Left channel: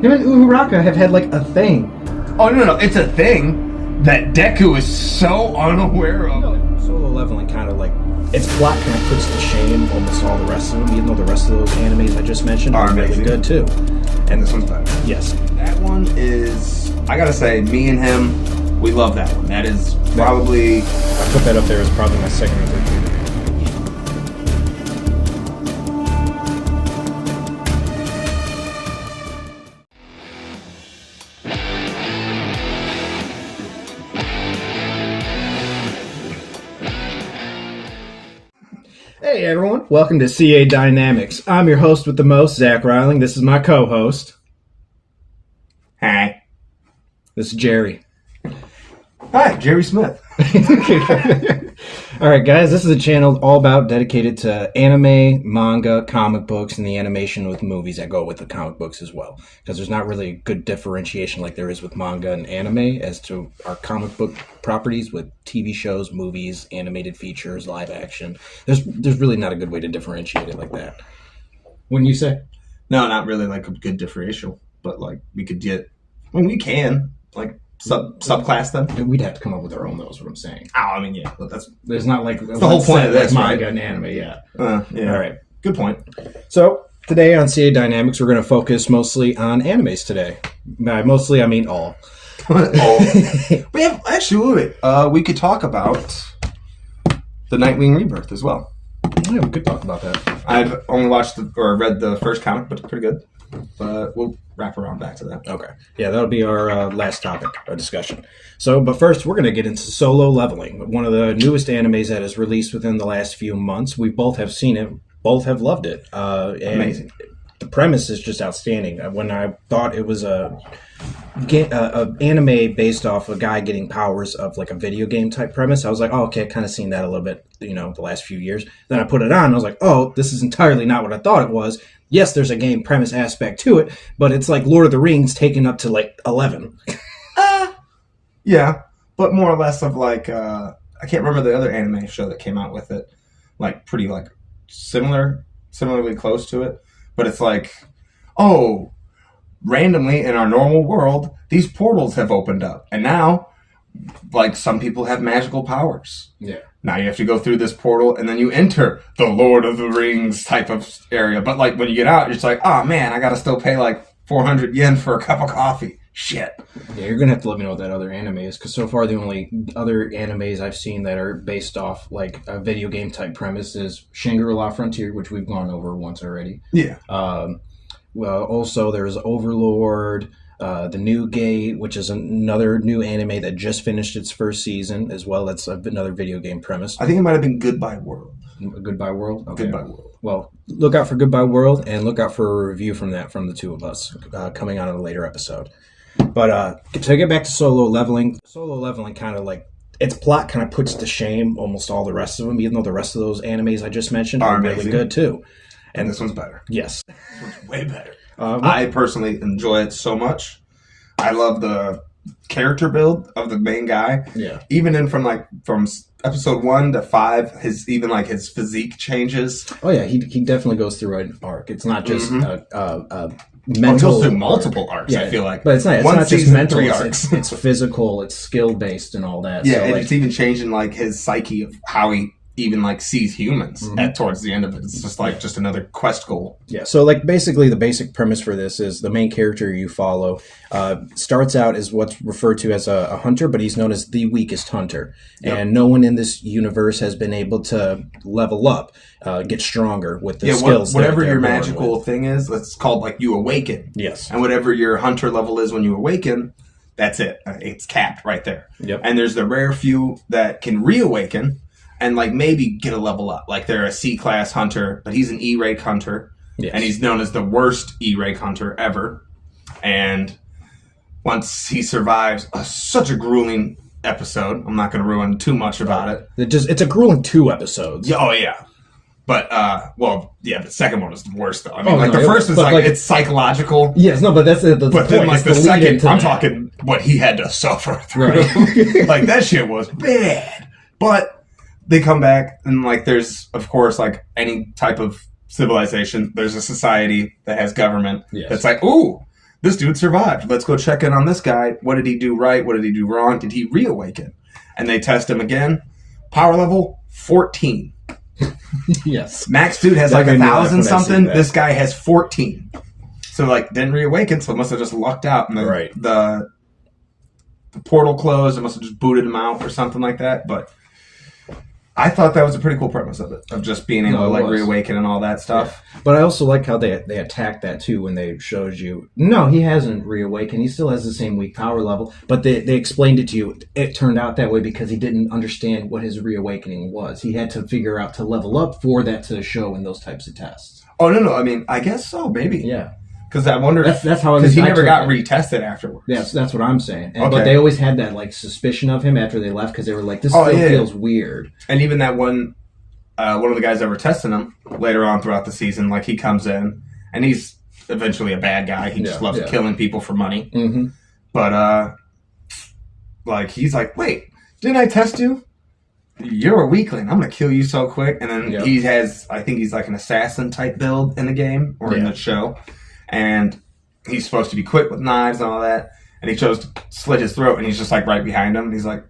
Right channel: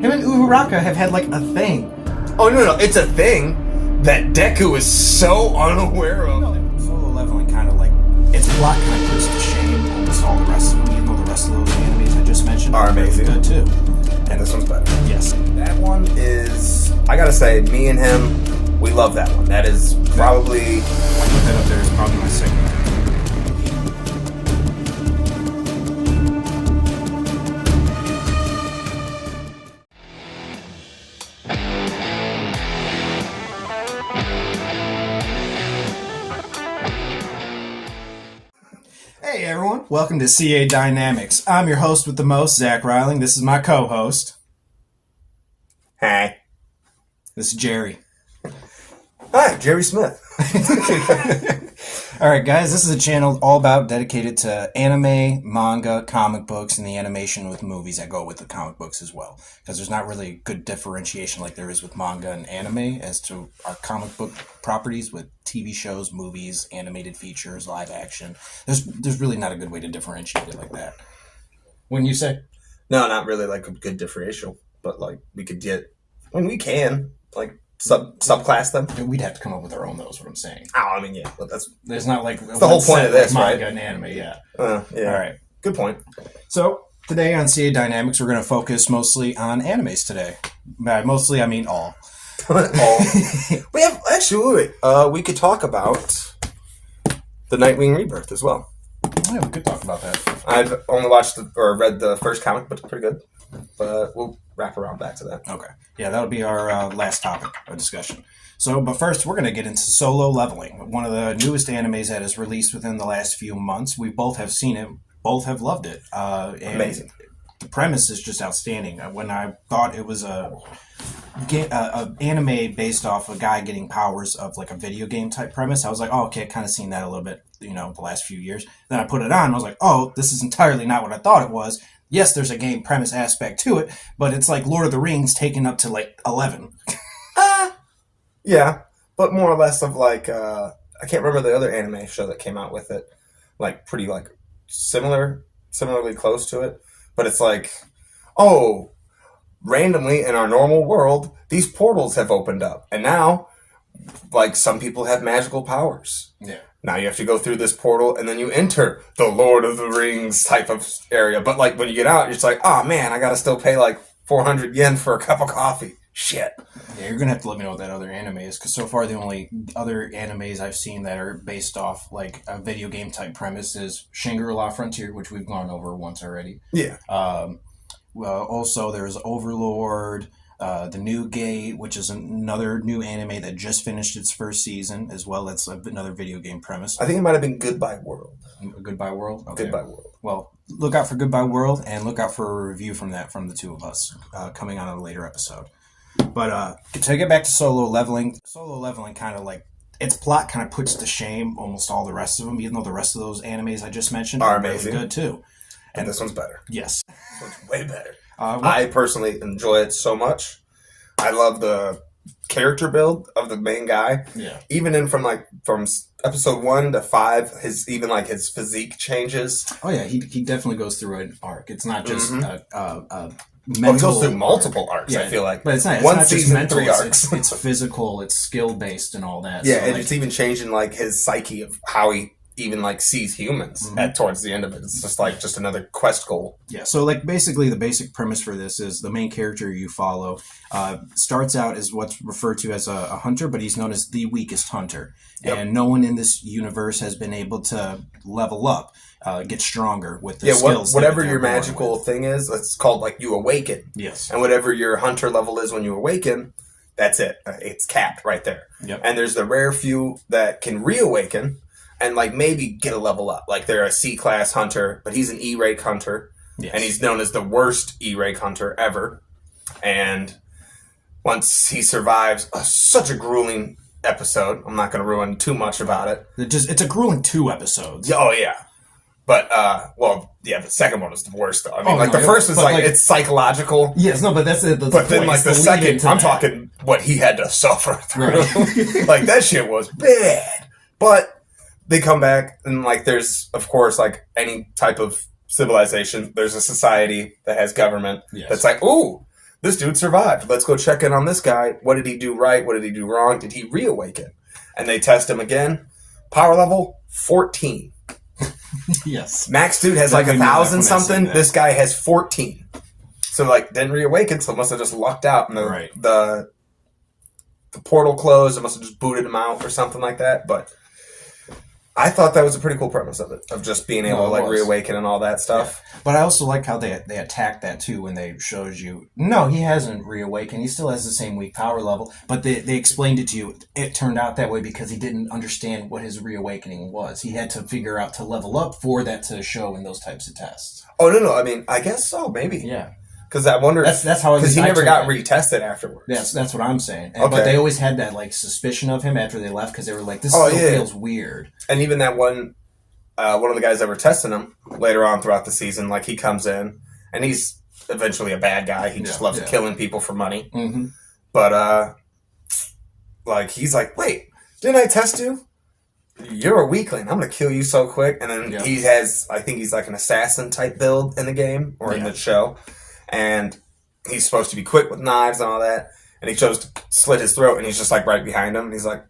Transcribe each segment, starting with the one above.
Him and Uraraka have had like a thing. Oh, no, it's a thing that Deku is so unaware of. No, Solo Leveling kind of like, its plot kind of puts to shame almost all the rest of them, even though the rest of those animes I just mentioned are really good too. And this one's better. Yes. That one is, I gotta say, me and him, we love that one. That is probably... I'll put that up there as probably my second or third favorite. Hey everyone, welcome to CA Dynamics. I'm your host with the most, Zach Riling. This is my co-host. Hi. This is Jerry. Hi, Jerry Smith. Alright guys, this is a channel all about dedicated to anime, manga, comic books, and the animation with movies that go with the comic books as well. Because there's not really a good differentiation like there is with manga and anime as to our comic book properties with TV shows, movies, animated features, live action. There's really not a good way to differentiate it like that. Wouldn't you say? No, not really like a good differential, but like we could get, I mean, we can, like, subclass them. We'd have to come up with our own, though, is what I'm saying. Oh, I mean, yeah, but there's not like the whole point of this, manga right? and anime, yeah. Yeah. All right. Good point. So today on CA Dynamics, we're going to focus mostly on animes today. By mostly, I mean all. But yeah, actually, wait. We could talk about the Nightwing Rebirth as well. Yeah, we could talk about that. I've only watched or read the first comic, but it's pretty good. But we'll wrap around back to that. Okay. Yeah, that'll be our last topic, our discussion. So, but first, we're going to get into Solo Leveling, one of the newest animes that is released within the last few months. We both have seen it, both have loved it. Amazing. The premise is just outstanding. When I thought it was a anime based off a guy getting powers of like a video game type premise, I was like, oh, okay, I've kind of seen that a little bit, the last few years. Then I put it on, and I was like, oh, this is entirely not what I thought it was. Yes, there's a game premise aspect to it, but it's like Lord of the Rings taken up to like 11. Yeah, but more or less of like, I can't remember the other anime show that came out with it, like pretty like similarly close to it. But it's like, oh, randomly in our normal world, these portals have opened up. And now, like, some people have magical powers. Yeah. Now you have to go through this portal, and then you enter the Lord of the Rings type of area. But, like, when you get out, you're just like, oh, man, I got to still pay, like, 400 yen for a cup of coffee. Shit. Yeah, you're going to have to let me know what that other anime is, because so far the only other animes I've seen that are based off, like, a video game type premise is Shangri-La Frontier, which we've gone over once already. Yeah. Well, also there's Overlord, The New Gate, which is another new anime that just finished its first season, as well as another video game premise. I think it might have been Goodbye World. Goodbye World? Okay. Goodbye World. Well, look out for Goodbye World, and look out for a review from the two of us coming on in a later episode. But to get back to Solo Leveling kind of like, its plot kind of puts to shame almost all the rest of them, even though the rest of those animes I just mentioned are really good too. And this one's better. Yes. This one's way better. I personally enjoy it so much. I love the character build of the main guy. Yeah. Even from episode 1 to 5, his physique changes. Oh yeah, he definitely goes through an arc. It's not just mental. He goes through multiple arcs. Yeah, I feel like, but it's not just season, mental. 3 arcs. It's physical. It's skill based and all that. Yeah, so, and like, it's even changing like his psyche of how he even like sees humans towards the end of it. It's just like just another quest goal. Yeah. So like basically the basic premise for this is the main character you follow starts out as what's referred to as a hunter, but he's known as the weakest hunter. Yep. And no one in this universe has been able to level up, get stronger with the skills. Whatever your magical thing is, it's called like you awaken. Yes. And whatever your hunter level is when you awaken, that's it. It's capped right there. Yep. And there's the rare few that can reawaken and like maybe get a level up. Like they're a C-class hunter, but he's an E-rank hunter. Yes. And he's known as the worst E-rank hunter ever. And once he survives such a grueling episode, I'm not going to ruin too much about it. It's a grueling 2 episodes. Oh, yeah. But, the second one is the worst, though. I mean, the first is like, it's psychological. Yes, no, but that's the But point. then, like, the second, I'm talking what he had to suffer through. Right. Like, that shit was bad. But they come back, and, like, there's, of course, like, any type of civilization, there's a society that has government that's like, ooh, this dude survived. Let's go check in on this guy. What did he do right? What did he do wrong? Did he reawaken? And they test him again. Power level 14. Yes. Max dude has Like like I knew that 1,000 when I seen something. that. This guy has 14. So like didn't reawaken, so it must have just lucked out and Right. the portal closed. It must have just booted him out or something like that. But I thought that was a pretty cool premise of it, of just being able No, to it like was. reawaken and all that stuff. But I also like how they attacked that too when they showed you. No, he hasn't reawakened. He still has the same weak power level. But they explained it to you. It turned out that way because he didn't understand what his reawakening was. He had to figure out to level up for that to show in those types of tests. Oh no, I mean, I guess so, maybe. Yeah. Because I wonder. That's how because he I never took got it. retested afterwards. That's what I'm saying. Okay. But they always had that like suspicion of him after they left because they were like, this Oh, still yeah. feels weird. And even that one of the guys that were testing him later on throughout the season, like he comes in and he's eventually a bad guy. He just loves killing people for money. Mm-hmm. But like he's like, wait, didn't I test you? You're a weakling. I'm gonna kill you so quick. And then he has, I think he's like an assassin type build in the game or in the show, and he's supposed to be quick with knives and all that. And he chose to slit his throat, and he's just like right behind him. And he's like,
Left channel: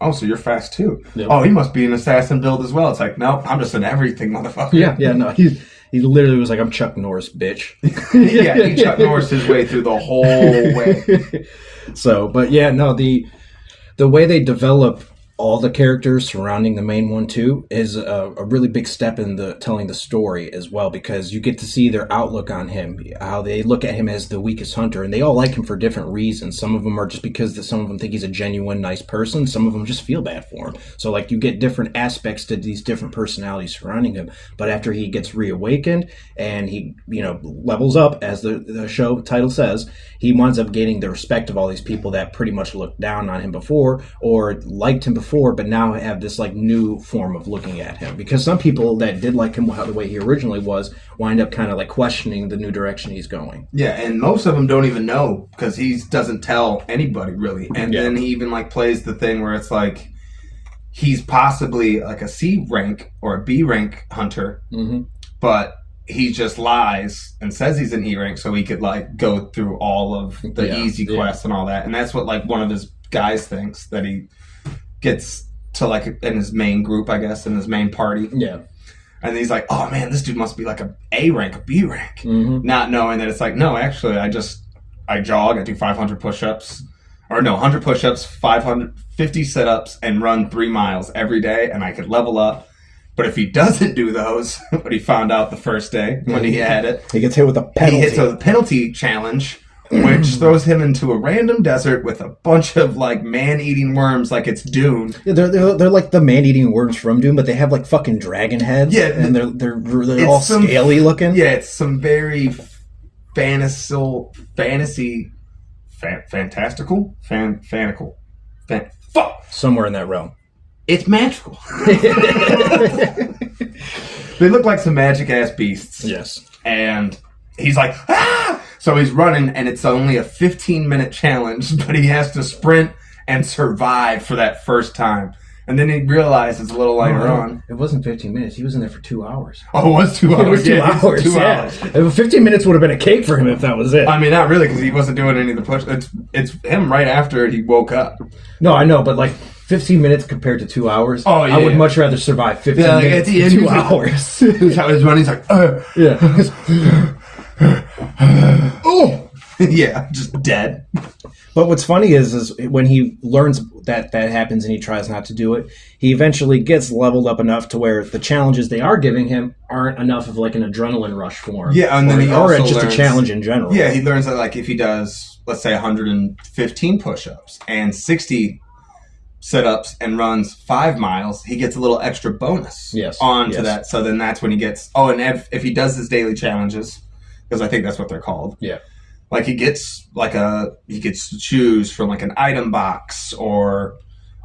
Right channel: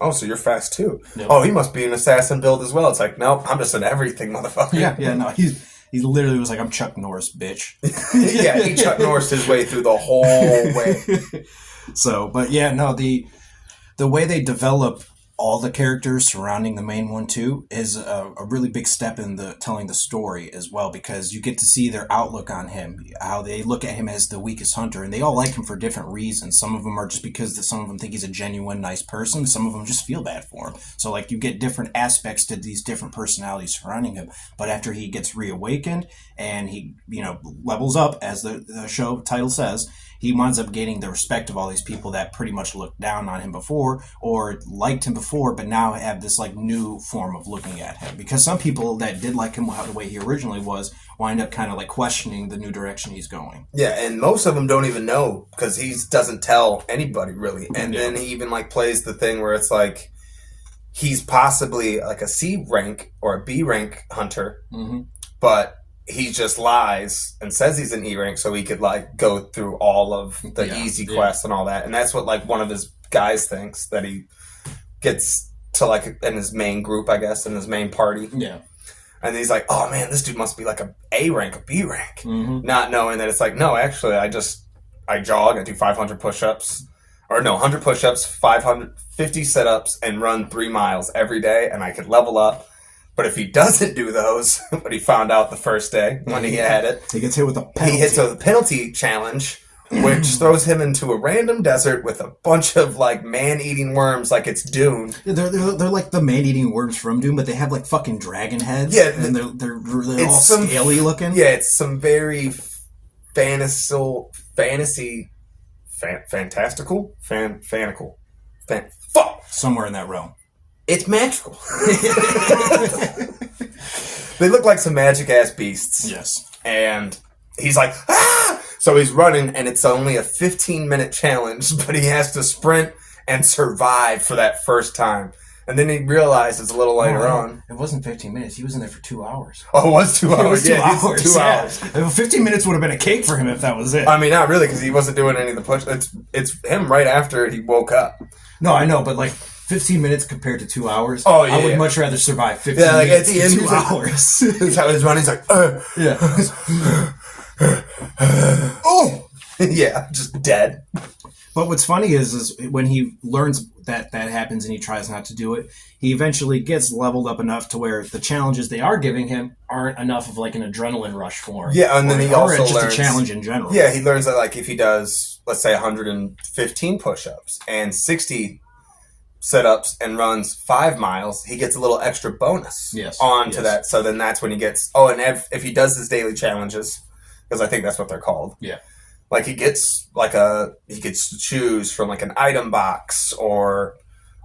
oh, so you're fast too? Yep. Oh, he must be an assassin build as well. It's like, nope, I'm just an everything motherfucker. Yeah, no, he literally was like, I'm Chuck Norris, bitch. Yeah, he Chuck Norris his way through the whole way. So, but yeah, no, the way they develop all the characters surrounding the main one too is a really big step in the telling the story as well, because you get to see their outlook on him, how they look at him as the weakest hunter, and they all like him for different reasons. Some of them are just because some of them think he's a genuine nice person. Some of them just feel bad for him. So like you get different aspects to these different personalities surrounding him. But after he gets reawakened and he levels up, as the show title says, he winds up gaining the respect of all these people that pretty much looked down on him before or liked him before, but now have this like new form of looking at him. Because some people that did like him the way he originally was wind up kind of like questioning the new direction he's going. Yeah, and most of them don't even know because he doesn't tell anybody really. And then he even like plays the thing where it's like he's possibly like a C rank or a B rank hunter, but he just lies and says he's an E rank so he could like go through all of the easy quests and all that. And that's what like one of his guys thinks, that he gets to like in his main group, I guess, in his main party. Yeah. And he's like, oh man, this dude must be like a rank, a B rank. Not knowing that it's like, no, actually I jog, I do 500 push-ups. Or no, 100 push-ups, 550 sit-ups, and run 3 miles every day, and I could level up. But if he doesn't do those, what he found out the first day when he had it, He gets hit with a penalty. he hits a penalty challenge, which throws him into a random desert with a bunch of like man-eating worms, like it's Dune. Yeah, they're like the man-eating worms from Doom, but they have like fucking dragon heads. Yeah, and they're all scaly looking. Yeah, it's some very fantastical. Fuck. Somewhere in that realm. It's magical. They look like some magic ass beasts. Yes. And he's like, ah! So he's running, and it's only a 15-minute challenge, but he has to sprint and survive for that first time. And then he realizes a little later on. It wasn't 15 minutes. He was in there for 2 hours. Oh, it was 2 hours. It was 2 Yeah, hours. 2 Yeah. hours. 15 minutes would have been a cake for him if that was it. I mean, not really, because he wasn't doing any of the push. It's him right after he woke up. No, I know, but like 15 minutes compared to 2 hours. Oh, yeah. I would much rather survive 15 Yeah, like, minutes at the end, to 2 he's like- hours. He's how he's running. He's like, Yeah. oh, yeah, just dead. But what's funny is when he learns that happens and he tries not to do it, he eventually gets leveled up enough to where the challenges they are giving him aren't enough of like an adrenaline rush for him. Yeah, and then he or also just learns, a challenge in general. Yeah, he learns that like if he does, let's say, 115 push-ups and 60 sit-ups and runs 5 miles, he gets a little extra bonus onto that. So then that's when he gets. Oh, and if he does his daily challenges, because I think that's what they're called. Yeah. Like he gets he gets to choose from like an item box or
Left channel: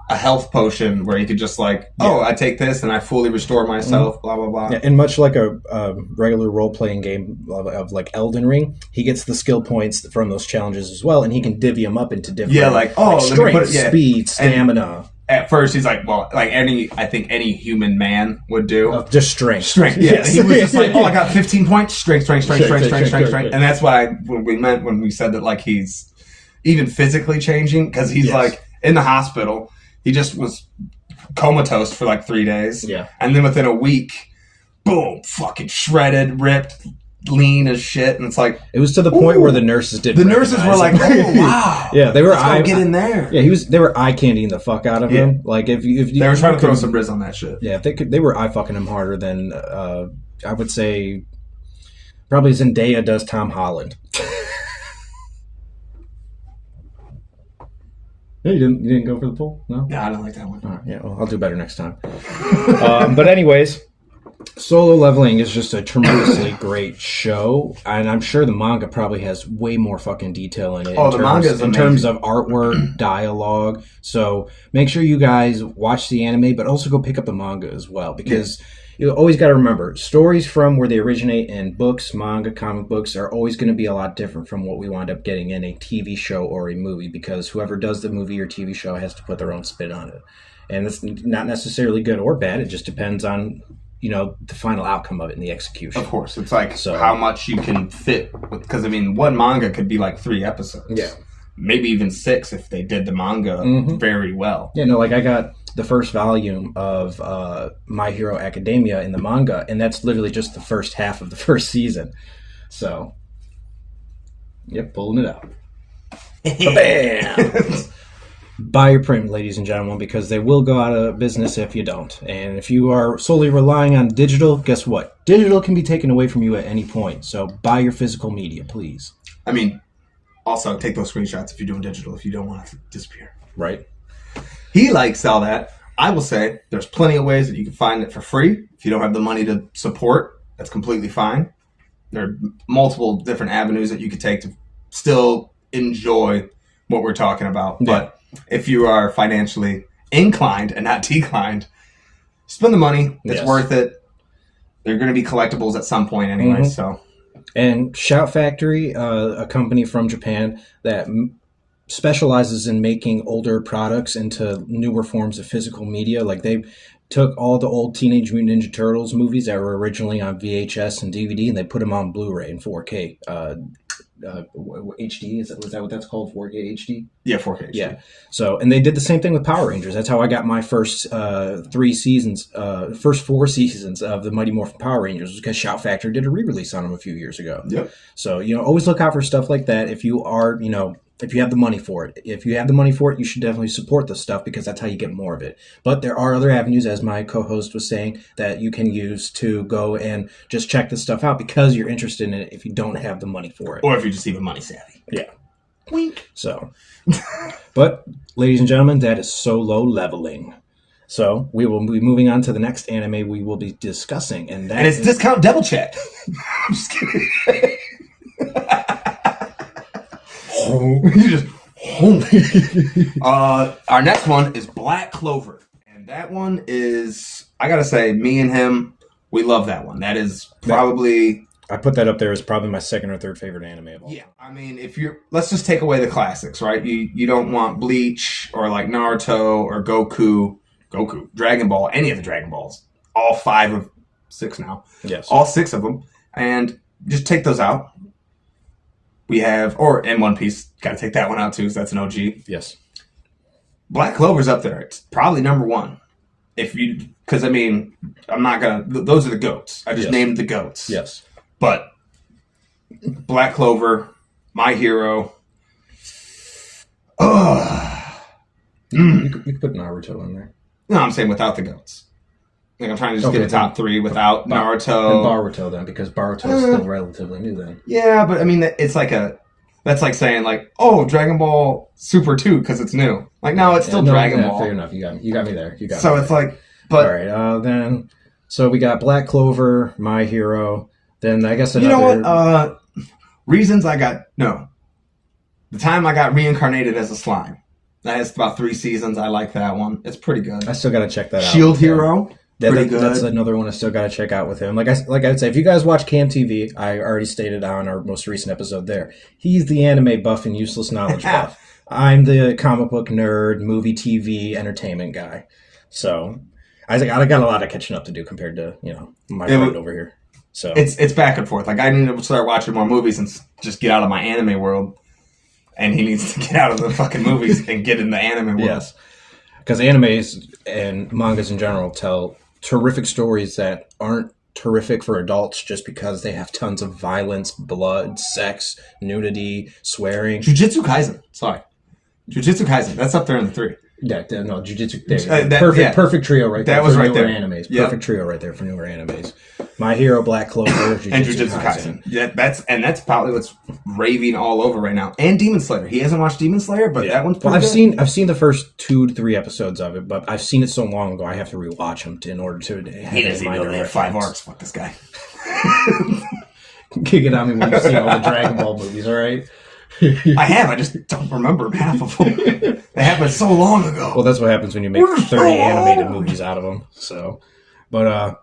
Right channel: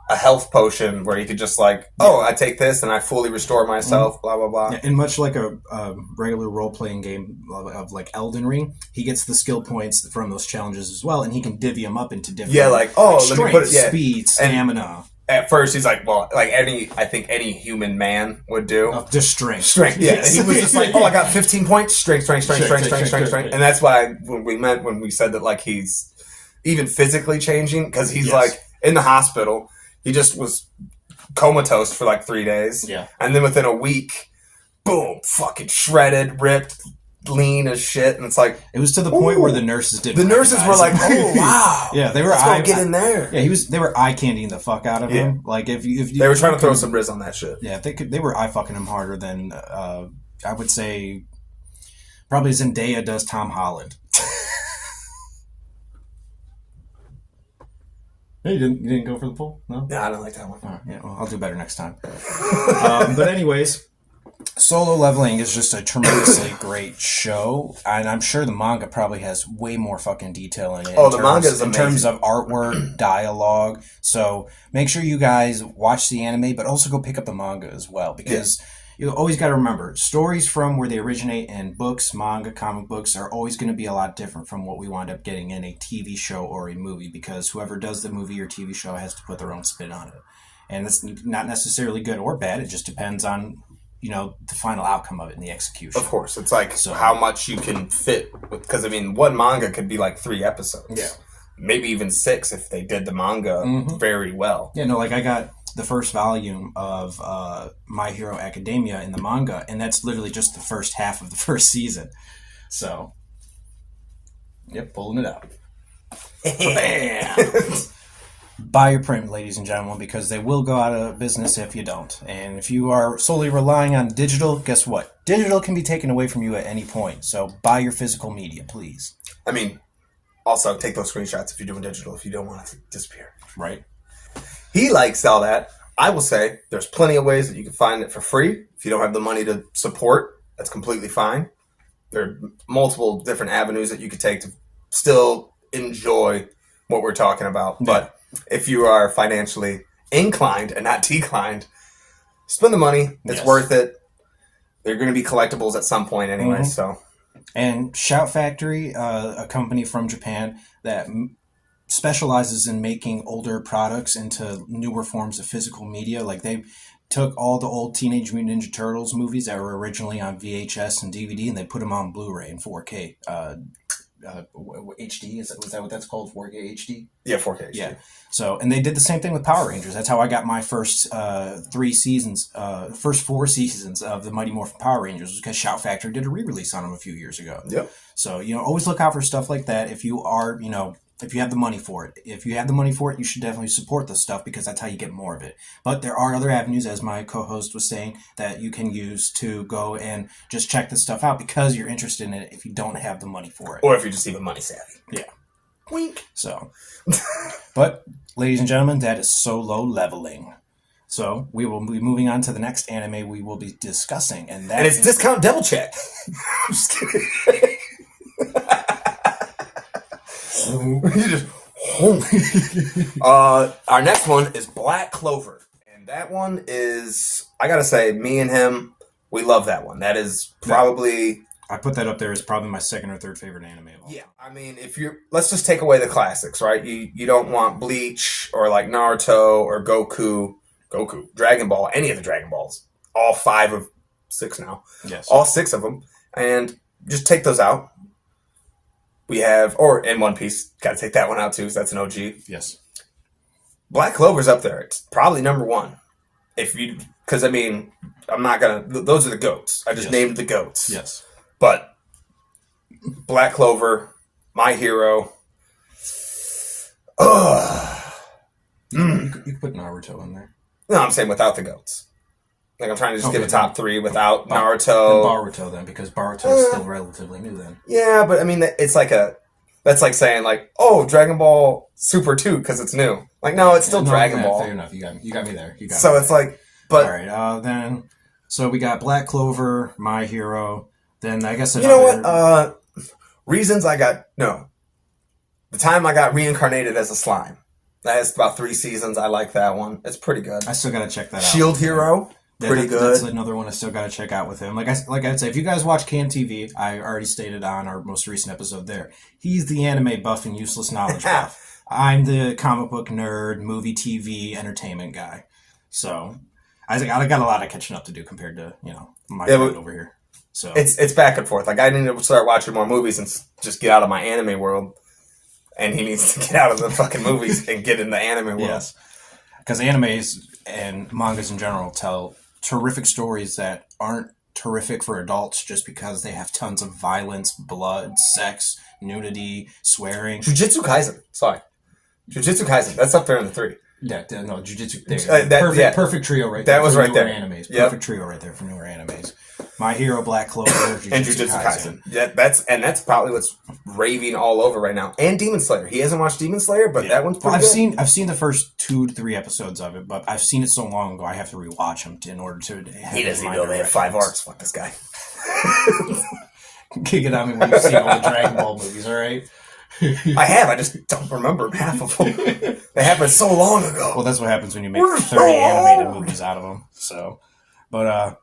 a health potion where he could just like, I take this and I fully restore myself, blah, blah, blah. Yeah, and much like a regular role-playing game of like Elden Ring, he gets the skill points from those challenges as well, and he can divvy them up into different Yeah, like, strength, speed, stamina. at first he's like, well, like I think any human man would do. Just strength. Strength, yeah. Yes. He was just like, oh, I got 15 points, strength. And that's what we meant when we said that, like, he's even physically changing, because he's like in the hospital. He just was comatose for like 3 days. Yeah. And then within a week, boom, fucking shredded, ripped, lean as shit. And it's like, it was to the point where the nurses didn't. The nurses were like, oh wow. Yeah, they were. Let's go get in there. Yeah, they were eye candying the fuck out of him. Like if you, they were trying to throw some riz on that shit. Yeah, they were eye fucking him harder than I would say probably Zendaya does Tom Holland. You didn't go for the poll? No? No, I don't like that one. Yeah, well, I'll do better next time. But anyways, Solo Leveling is just a tremendously great show, and I'm sure the manga probably has way more fucking detail in it. Oh, the manga is amazing. In terms of artwork, dialogue. So make sure you guys watch the anime, but also go pick up the manga as well, because you always got to remember, stories from where they originate in books, manga, comic books are always going to be a lot different from what we wind up getting in a TV show or a movie, because whoever does the movie or TV show has to put their own spin on it. And it's not necessarily good or bad. It just depends on, the final outcome of it and the execution. Of course. It's like how much you can fit with, because, I mean, one manga could be like 3 episodes. Yeah. Maybe even 6 if they did the manga very well. Yeah, no, like I got the first volume of My Hero Academia in the manga, and that's literally just the first half of the first season. So, yep, pulling it out. Bam! Buy your print, ladies and gentlemen, because they will go out of business if you don't. And if you are solely relying on digital, guess what? Digital can be taken away from you at any point. So buy your physical media, please. I mean, also take those screenshots if you're doing digital, if you don't want it to disappear. Right. He likes all that. I will say there's plenty of ways that you can find it for free. If you don't have the money to support, that's completely fine. There are multiple different avenues that you could take to still enjoy what we're talking about. Yeah. But if you are financially inclined and not declined, spend the money. It's worth it. They're going to be collectibles at some point anyway. So, and Shout Factory, a company from Japan that specializes in making older products into newer forms of physical media. Like they took all the old Teenage Mutant Ninja Turtles movies that were originally on VHS and DVD, and they put them on Blu-ray and 4K. HD, was that what that's called? 4K HD? Yeah, 4K HD. Yeah. So, and they did the same thing with Power Rangers. That's how I got my first 4 seasons of the Mighty Morphin Power Rangers, because Shout Factory did a re-release on them a few years ago. Yep. So, always look out for stuff like that if you are, if you have the money for it. If you have the money for it, you should definitely support the stuff, because that's how you get more of it. But there are other avenues, as my co-host was saying, that you can use to go and just check this stuff out because you're interested in it if you don't have the money for it. Or if you're just even money savvy. Yeah. Wink. So, but ladies and gentlemen, that is Solo Leveling. So we will be moving on to the next anime we will be discussing. And it's Discount Devil Chat. I'm just kidding. Our next one is Black Clover, and that one is, I gotta say, me and him, we love that one. That is probably, I put that up there as probably my second or third favorite anime of all. Yeah, I mean, let's just take away the classics, right? You don't want Bleach or like Naruto or Goku, Dragon Ball, any of the Dragon Balls, all 5 of 6 now. Yes, all 6 of them, and just take those out. We have, in One Piece, got to take that one out too, because that's an OG. Yes. Black Clover's up there. It's probably number 1. Because I mean, I'm not going to, those are the GOATs. I just named the GOATs. Yes. But Black Clover, My Hero. You could put Naruto in there. No, I'm saying without the GOATs. Like, I'm trying to just get a top 3 without Naruto. And Boruto, then, because Boruto is still relatively new then. Yeah, but I mean, it's like that's like saying, like, oh, Dragon Ball Super 2, because it's new. Like, no, it's still Dragon Ball. Fair enough. You got me there. So it's like, but... All right, then, so we got Black Clover, My Hero, then I guess another... You know what? Reasons I got... No. The time I got reincarnated as a slime. That has about 3 seasons. I like that one. It's pretty good. I still got to check that out. Shield Hero... Pretty good. That's another one I still got to check out with him. Like I'd say, if you guys watch Cam TV, I already stated on our most recent episode there, he's the anime buff and useless knowledge buff. I'm the comic book nerd, movie, TV, entertainment guy. So I got a lot of catching up to do compared to my It, friend over here. So it's back and forth. Like I need to start watching more movies and just get out of my anime world, and he needs to get out of the fucking movies and get in the anime world. yes, because animes and mangas in general tell terrific stories that aren't terrific for adults just because they have tons of violence, blood, sex, nudity, swearing. Jujutsu Kaisen. Sorry. Jujutsu Kaisen. That's up there in the 3. Yeah, no, Jujutsu. There, perfect trio right there. That was for right newer there. Animes. Yep. Perfect trio right there for newer animes. My Hero, Black Clover, Jujutsu And Jujutsu Kaisen. Yeah, that's probably what's raving all over right now. And Demon Slayer. He hasn't watched Demon Slayer, but that one's pretty good. I've seen the first 2 to 3 episodes of it, but I've seen it so long ago I have to rewatch them in order to have He doesn't even know they have 5 arcs. Fuck this guy. Kick it on me when you've seen all the Dragon Ball movies, all right? I have. I just don't remember half of them. They happened so long ago. Well, that's what happens when you make 30 animated movies out of them. So, but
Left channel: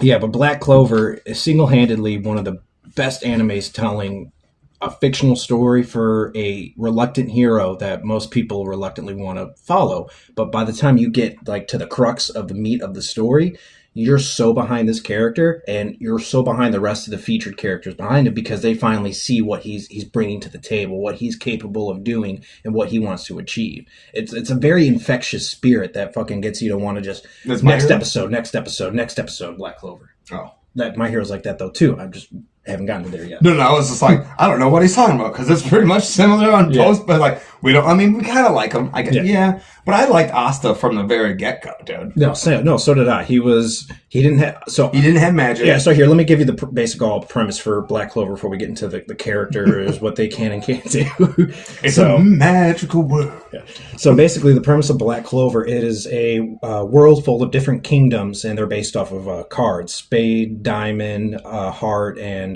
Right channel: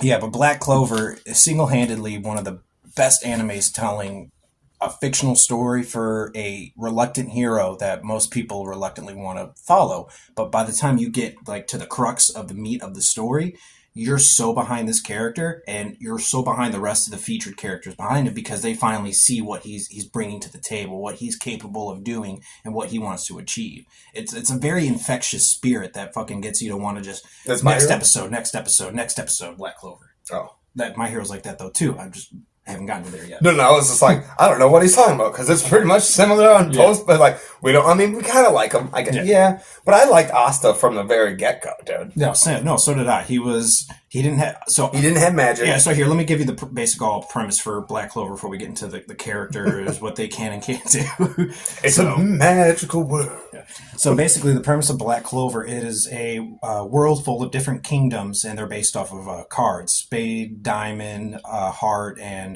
Black Clover is single-handedly one of the best animes telling a fictional story for a reluctant hero that most people reluctantly want to follow. But by the time you get like to the crux of the meat of the story, you're so behind this character and you're so behind the rest of the featured characters behind him because they finally see what he's bringing to the table, what he's capable of doing and what he wants to achieve. It's a very infectious spirit that fucking gets you to want to just next episode, Black Clover. Oh. That My Hero's like that though too. I just haven't gotten to there yet. No, I was just like, I don't know what he's talking about because it's pretty much similar on post, but like we kind of like him. I guess, but I liked Asta from the very get go, dude. No, so did I. He didn't have magic. Yeah, so here, let me give you the basic premise for Black Clover before we get into the characters, what they can and can't do. It's a magical world. Yeah. So basically, the premise of Black Clover, it is a world full of different kingdoms, and they're based off of cards: spade, diamond, heart, and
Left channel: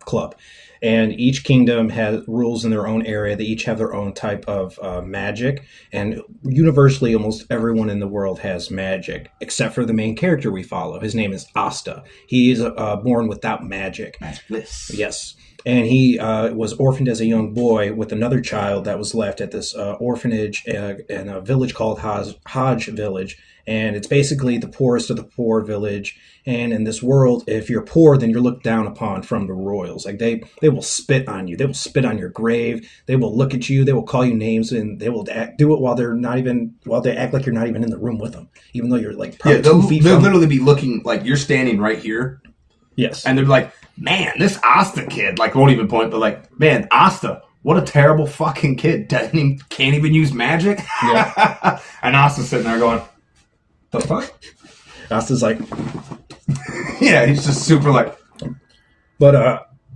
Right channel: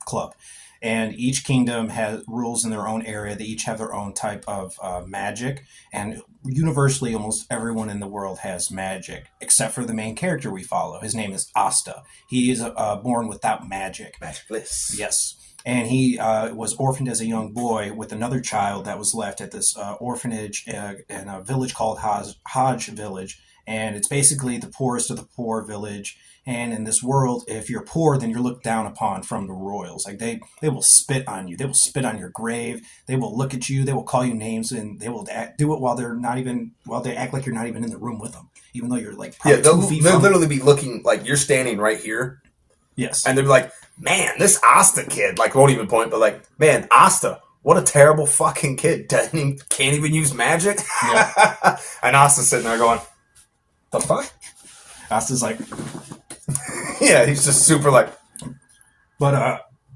club. And each kingdom has rules in their own area. They each have their own type of magic. And universally, almost everyone in the world has magic, except for the main character we follow. His name is Asta. He is born without magic. Magicless. Yes. And he was orphaned as a young boy with another child that was left at this orphanage in a village called Hodge Village. And it's basically the poorest of the poor village. And in this world, if you're poor, then you're looked down upon from the royals. Like they will spit on you. They will spit on your grave. They will look at you. They will call you names, and they will do it while they act like you're not even in the room with them, even though you're like probably 2 feet from. They'll literally be looking like you're standing right here. Yes. And they're like, man, this Asta kid, like won't even point, but like, man, Asta, what a terrible fucking kid. Can't even use magic. Yeah. And Asta's sitting there going, the fuck? Asta's like, yeah, he's just super like. But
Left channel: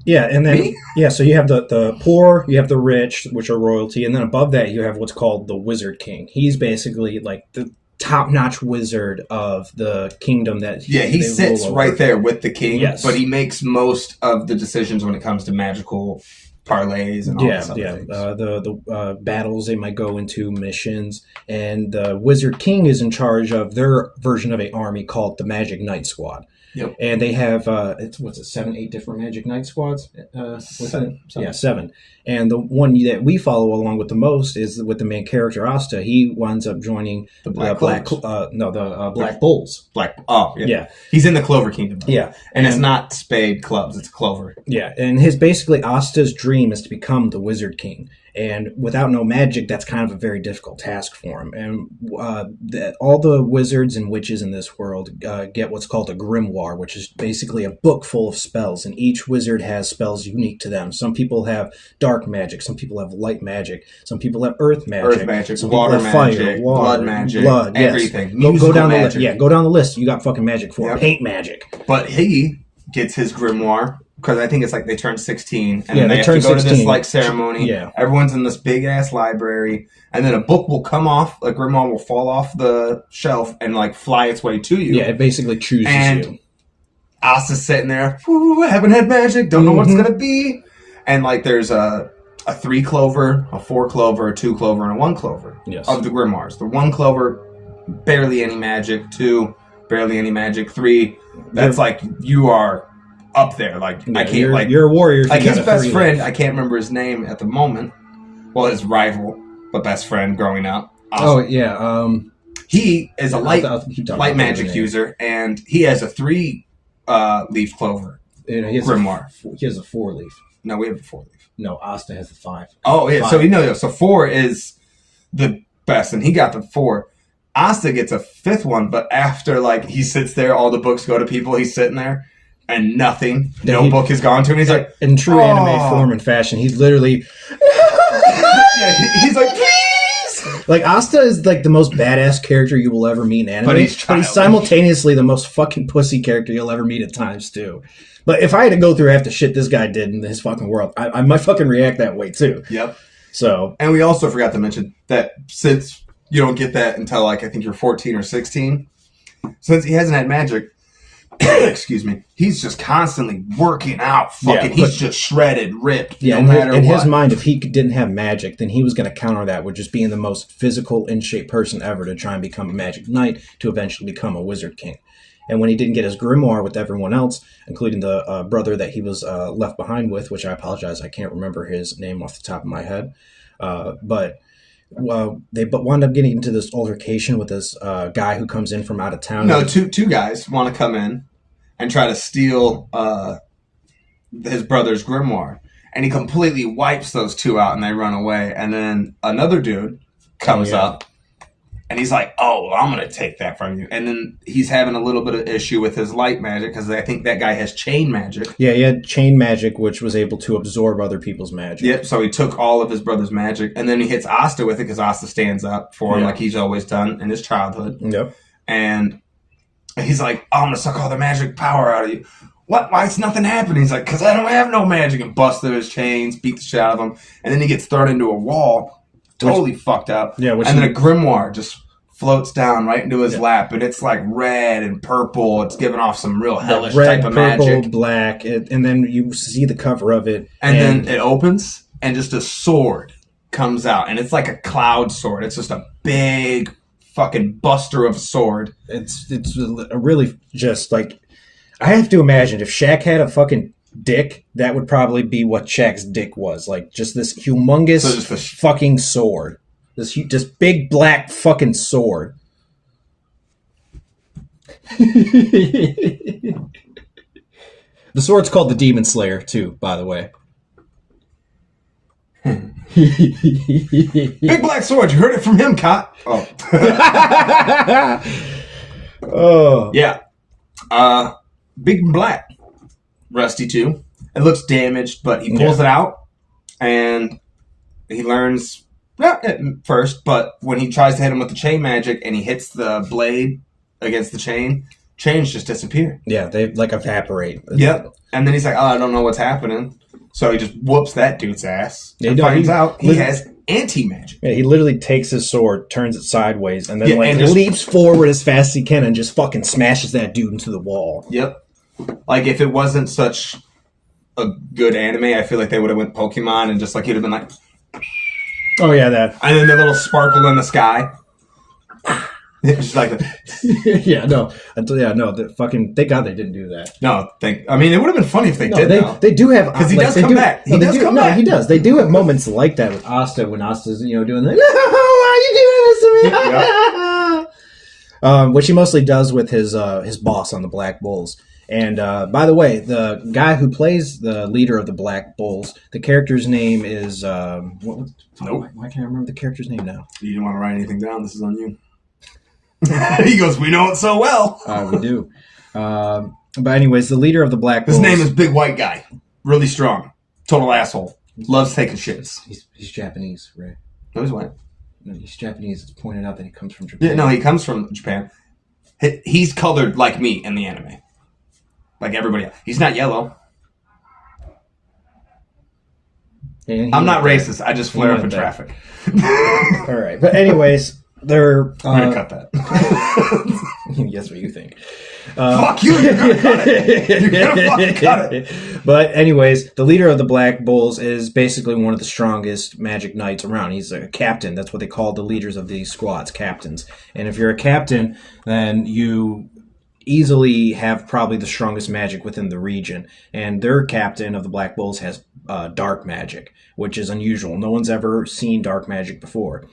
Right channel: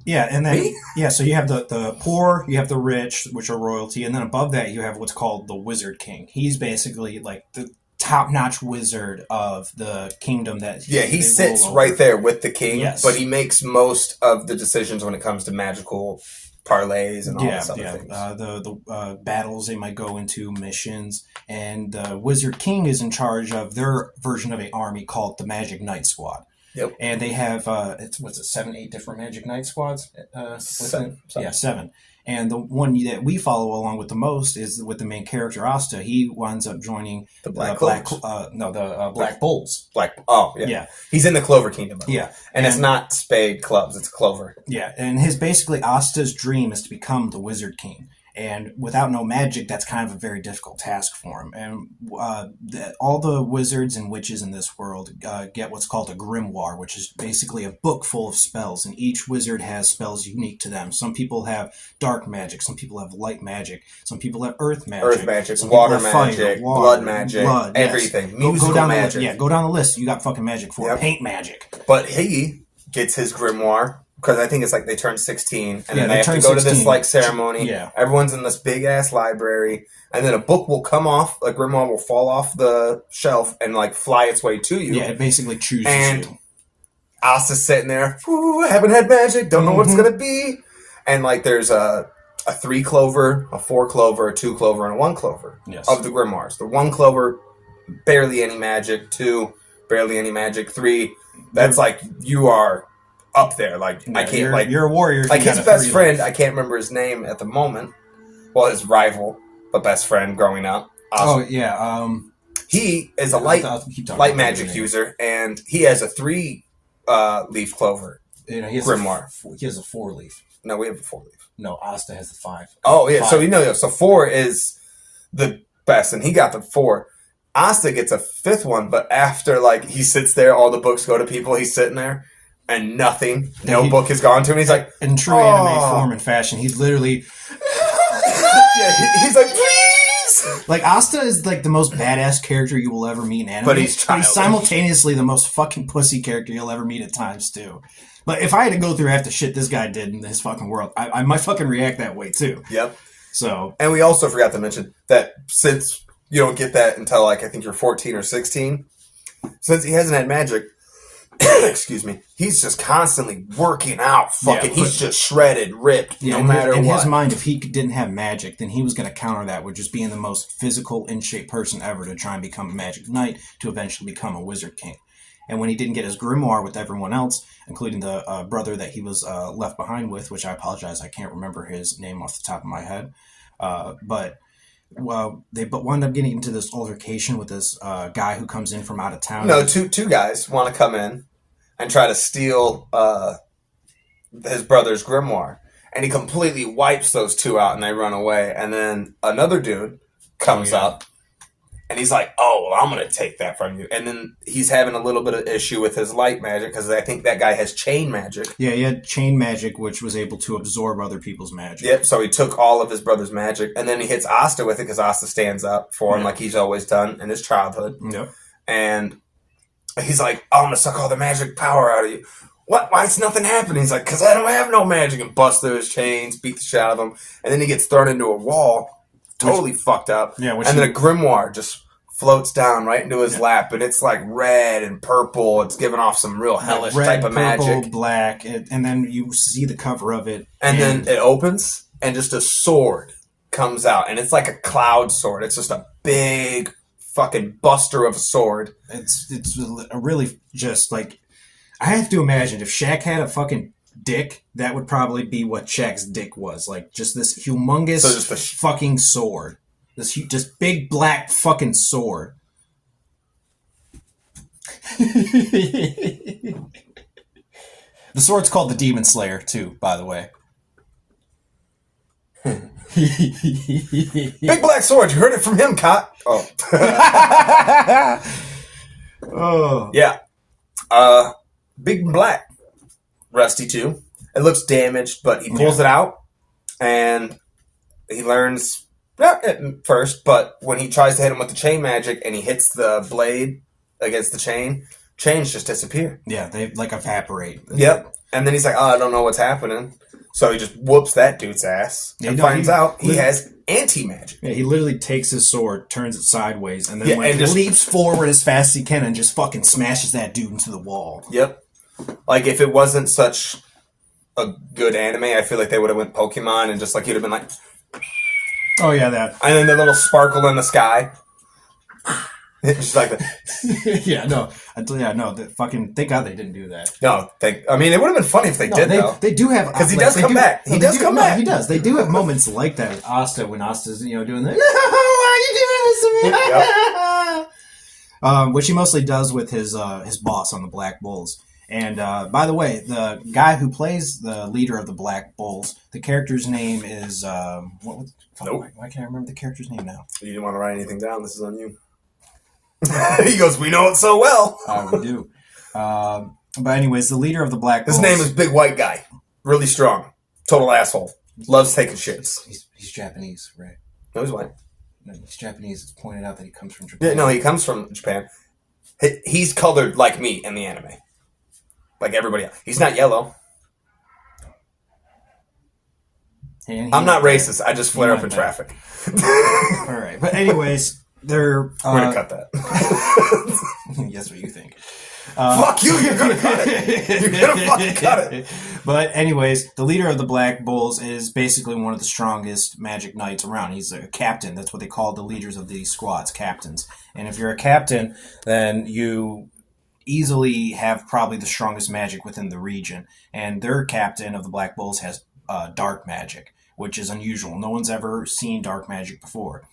and then so you have the poor, you have the rich, which are royalty, and then above that you have what's called the Wizard King. He's basically like the top-notch wizard of the kingdom that he sits right there with the king. Yes. But he makes most of the decisions when it comes to magical parlays and all this other things. The battles they might go into, missions, and the Wizard King is in charge of their version of an army called the Magic Knight Squad. Yep. And they have 7, 8 different Magic Knight Squads? 7. Yeah, 7. And the one that we follow along with the most is with the main character Asta. He winds up joining the Black Bulls. Yeah. He's in the Clover Kingdom. Yeah. And it's not spade clubs, it's clover. Yeah. And basically Asta's dream is to become the Wizard King. And without no magic, that's kind of a very difficult task for him. And all the wizards and witches in this world get what's called a grimoire, which is basically a book full of spells. And each wizard has spells unique to them. Some people have dark magic. Some people have light magic. Some people have earth magic. Some water people have magic, fire, water, blood magic, everything. Yes. Go down magic. the list. Yeah, go down the list. You got fucking magic for it. Paint magic. But he gets his grimoire. Because I think it's like they turn 16, and then they have to go 16. to this like ceremony. Yeah. Everyone's in this big ass library, and then a book will come off, a grimoire will fall off the shelf and like fly its way to you. Yeah, it basically chooses and you. Asta's sitting there, haven't had magic, don't know what it's gonna be, and like there's a 3 clover, a 4 clover, a 2 clover, and a 1 clover of the grimoires. The 1 clover, barely any magic. 2, barely any magic. 3, that's like you are up there, like I can't. You're a warrior. Like his best friend, I can't remember his name at the moment. Well, his rival, but best friend growing up. Oh yeah. He is a I'll keep talking light about magic the name. user, and he has a 3 leaf clover He has grimoire. He has a 4-leaf. No, we have a 4 leaf. No, Asta has the 5. Oh yeah, 5. so so 4 is the best, and he got the 4. Asta gets a 5th one, but after like he sits there, all the books go to people. He's sitting there, and nothing. No book has gone to him. He's like, in true anime form and fashion, he's literally he's like, please. like Asta is like the most badass character you will ever meet in anime, But he's simultaneously the most fucking pussy character you'll ever meet at times too. But if I had to go through half the shit this guy did in his fucking world, I might fucking react that way too. Yep. So, and we also forgot to mention that since you don't get that until like I think you're 14 or 16, since he hasn't had magic, excuse me, he's just constantly working out. He's just shredded, ripped, no matter what. In his mind, if he didn't have magic, then he was going to counter that with just being the most physical, in shape person ever to try and become a magic knight to eventually become a wizard king. And when he didn't get his grimoire with everyone else, including the brother that he was left behind with, which I apologize, I can't remember his name off the top of my head, but they wound up getting into this altercation with this guy who comes in from out of town. No, two guys want to come in and try to steal his brother's grimoire, and he completely wipes those 2 out, and they run away. And then another dude comes up, and he's like, "Oh, well, I'm gonna take that from you." And then he's having a little bit of issue with his light magic because I think that guy has chain magic. Yeah, he had chain magic, which was able to absorb other people's magic. Yep. So he took all of his brother's magic, and then he hits Asta with it because Asta stands up for him like he's always done in his childhood. Yep. And he's like, "Oh, I'm gonna suck all the magic power out of you." What? Why is nothing happening? He's like, "Because I don't have no magic," and busts through his chains, beat the shit out of him, and then he gets thrown into a wall, totally fucked up. Yeah. And then a grimoire just floats down right into his lap, and it's like red and purple. It's giving off some real hellish type of magic. Red, purple, black, and then you see the cover of it, and then it opens, and just a sword comes out, and it's like a cloud sword. It's just a big fucking buster of a sword. It's a really just like, I have to imagine if Shaq had a fucking dick, that would probably be what Shaq's dick was. Like just this humongous fucking sword. This just big black fucking sword. The sword's called the Demon Slayer too, by the way. Big black sword. You heard it from him, Cot. Oh. Oh. Yeah. Big black. Rusty too. It looks damaged, but he pulls it out, and he learns not at first, but when he tries to hit him with the chain magic and he hits the blade against the chains just disappear. Yeah, they like evaporate. Yep. And then he's like, "Oh, I don't know what's happening." So he just whoops that dude's ass and finds out he has anti-magic. Yeah, he literally takes his sword, turns it sideways, and then and leaps forward as fast as he can and just fucking smashes that dude into the wall. Yep. Like, if it wasn't such a good anime, I feel like they would have went Pokemon and just like he'd have been like... Oh, yeah, that. And then the little sparkle in the sky. Just like that. Yeah, no. Fucking, thank God they didn't do that. No, I mean, it would have been funny if they did, though. They do have... Because he does come back. He does come back. He does. They do have moments like that with Asta, when Asta's, doing the, no, why are you doing this to me? Yep. Which he mostly does with his boss on the Black Bulls. And by the way, the guy who plays the leader of the Black Bulls, the character's name is... Nope. Why can't I remember the character's name now? You didn't want to write anything down. This is on you. He goes, "We know it so well." We do. But anyways, the leader of the Black Bulls... His name is Big White Guy. Really strong. Total asshole. Loves taking shits. He's Japanese, right? No, he's white. No, he's Japanese. It's pointed out that he comes from Japan. Yeah, no, he comes from Japan. He's colored like me in the anime. Like everybody else. He's not yellow. I'm not racist. I just flare up in traffic. All right. But anyways, they're... We're going to cut that. Yes, what you think. Fuck you. You're going to cut it. You're going to fucking cut it. But anyways, the leader of the Black Bulls is basically one of the strongest magic knights around. He's like a captain. That's what they call the leaders of these squads, captains. And if you're a captain, then you... easily have probably the strongest magic within the region, and their captain of the Black Bulls has dark magic, which is unusual. No one's ever seen dark magic before.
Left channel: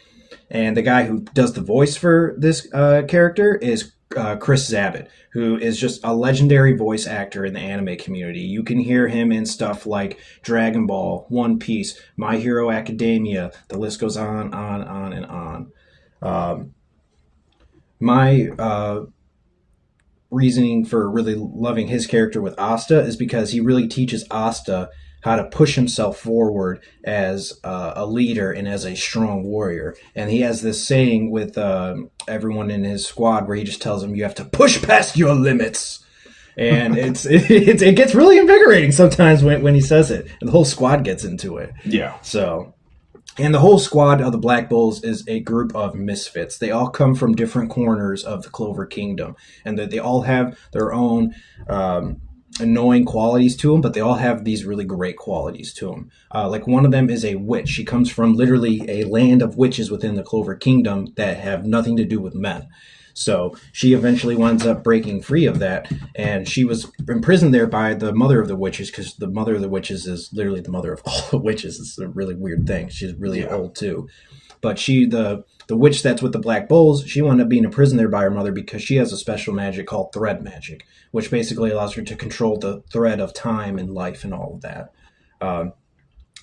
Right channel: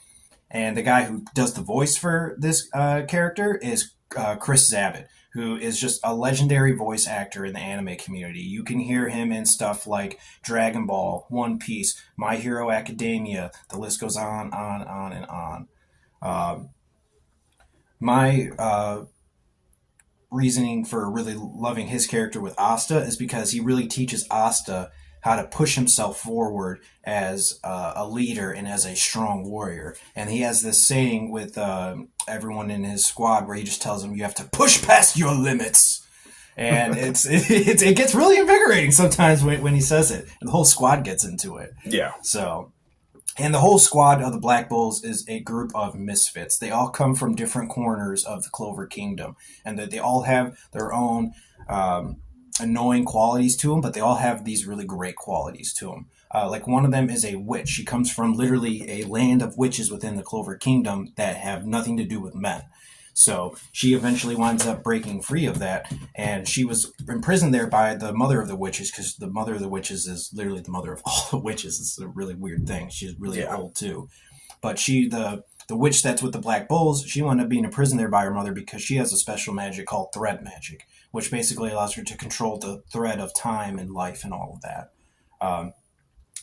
And the guy who does the voice for this character is Chris Zabit, who is just a legendary voice actor in the anime community. You can hear him in stuff like Dragon Ball, One Piece, My Hero Academia. The list goes on, and on. My reasoning for really loving his character with Asta is because he really teaches Asta how to push himself forward as a leader and as a strong warrior. And he has this saying with everyone in his squad where he just tells them, you have to push past your limits. And it gets really invigorating sometimes when he says it. And the whole squad gets into it. Yeah. So, and the whole squad of the Black Bulls is a group of misfits. They all come from different corners of the Clover Kingdom. And they all have their own annoying qualities to them, but they all have these really great qualities to them. Like one of them is a witch. She comes from literally a land of witches within the Clover Kingdom that have nothing to do with men. So she eventually winds up breaking free of that, and she was imprisoned there by the mother of the witches, because the mother of the witches is literally the mother of all the witches. It's a really weird thing. She's really old too. But the witch that's with the Black Bulls, she wound up being imprisoned there by her mother because she has a special magic called thread magic, which basically allows her to control the thread of time and life and all of that.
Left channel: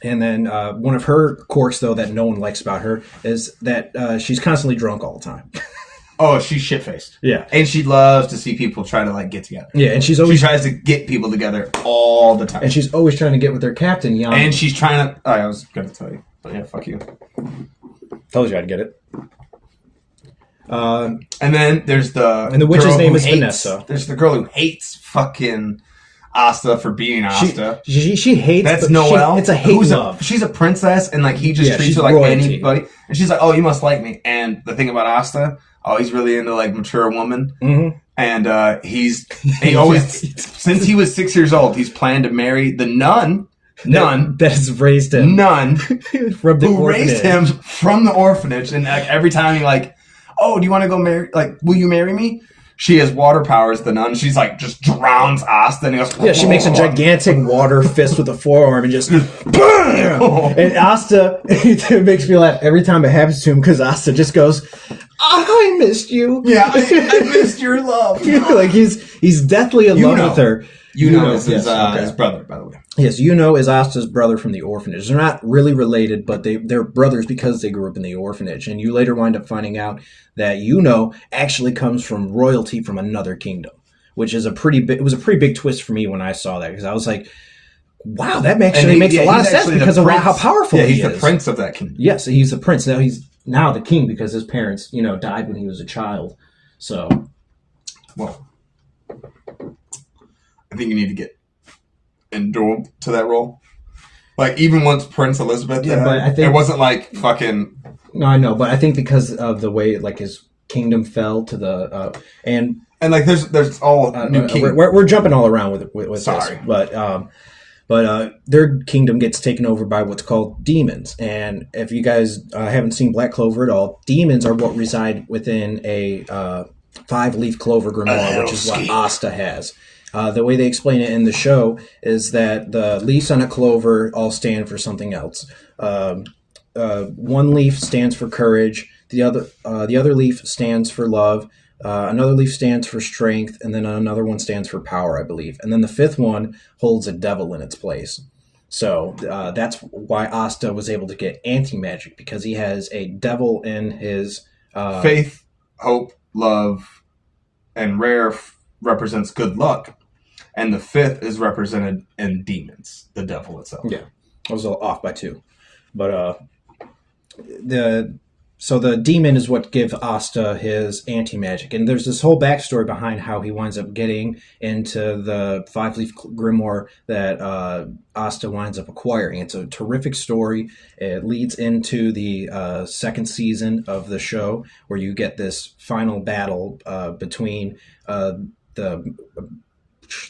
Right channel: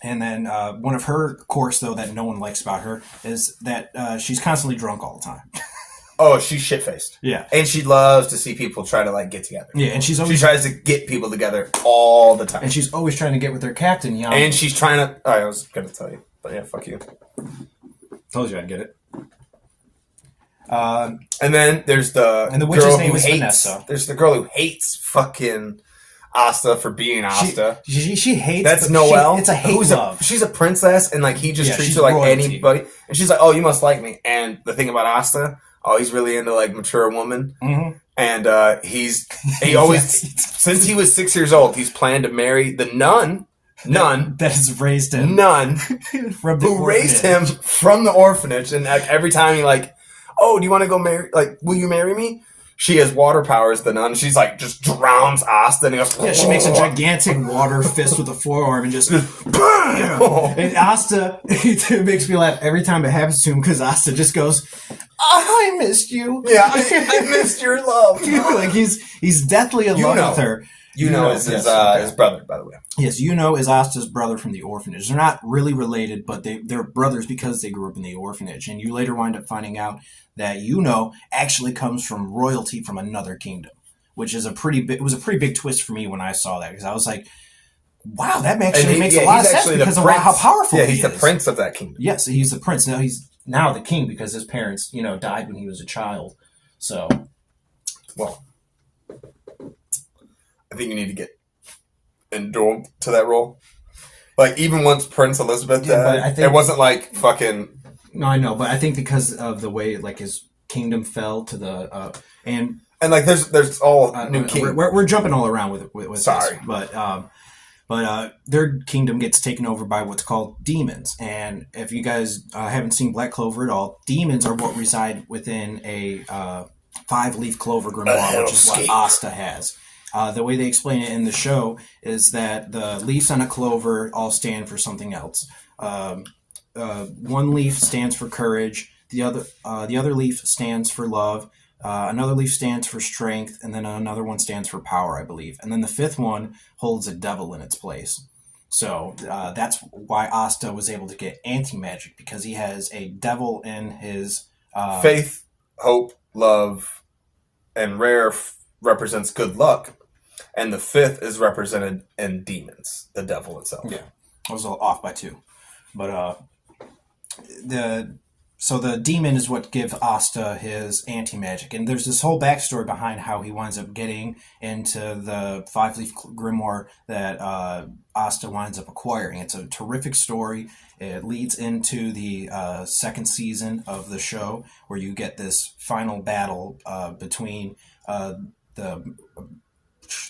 And then one of her quirks, though, that no one likes about her is that she's constantly drunk all the time. Oh, she's shit-faced. Yeah. And she loves to see people try to, like, get together. Yeah, and she tries to get people together all the time. And she's always trying to get with her captain, Jan. And she's trying to... I was going to tell you. But yeah, fuck you. Told you I'd get it. And then there's the... And the witch's name is Vanessa. There's the girl who hates fucking Asta for being Asta. She hates... That's Noelle. It's a hate love. She's a princess, and, like, he just treats her like royalty. Anybody. And she's like, oh, you must like me. And the thing about Asta... Oh, he's really into, like, mature woman. Mm-hmm. And he always, since he was 6 years old, he's planned to marry the nun that has raised him. Nun from the who orphanage. raised him from the orphanage. And, like, every time he, like, oh, do you want to go marry, like, will you marry me? She has water powers, the nun. She's like, just drowns Asta. And he goes, yeah, she makes a gigantic water fist with a forearm and just, bam! And Asta, it makes me laugh every time it happens to him because Asta just goes, I missed you. Yeah, I missed your love. Like he's deathly in love with her. Yuno is his brother, by the way. Yes, Yuno is Asta's brother from the orphanage. They're not really related, but they're brothers because they grew up in the orphanage. And you later wind up finding out that Yuno actually comes from royalty from another kingdom, which is it was a pretty big twist for me when I saw that, because I was like, wow, that actually makes a lot of sense because of how powerful he is. He's the prince of that kingdom. Yes, he's the prince. Now he's the king because his parents, died when he was a child. So, well, I think you need to get endured to that role. Like, even once Prince Elizabeth died, but I think, it wasn't like fucking... No, I know, but I think because of the way, like, his kingdom fell to the... And like, there's all new kingdoms. We're jumping all around with Sorry. This. But their kingdom gets taken over by what's called demons. And if you guys haven't seen Black Clover at all, demons are what reside within a 5-leaf clover grimoire, which is what Asta has. The way they explain it in the show is that the leaves on a clover all stand for something else. One leaf stands for courage. The other leaf stands for love. Another leaf stands for strength, and then another one stands for power, I believe. And then the 5th one holds a devil in its place. So that's why Asta was able to get anti-magic, because he has a devil in his... faith, hope, love, and rare represents good luck. And the 5th is represented in demons, the devil itself. Yeah, I was a little off by 2. But So the demon is what gives Asta his anti-magic. And there's this whole backstory behind how he winds up getting into the 5-leaf grimoire that Asta winds up acquiring. It's a terrific story. It leads into the 2nd season of the show, where you get this final battle between the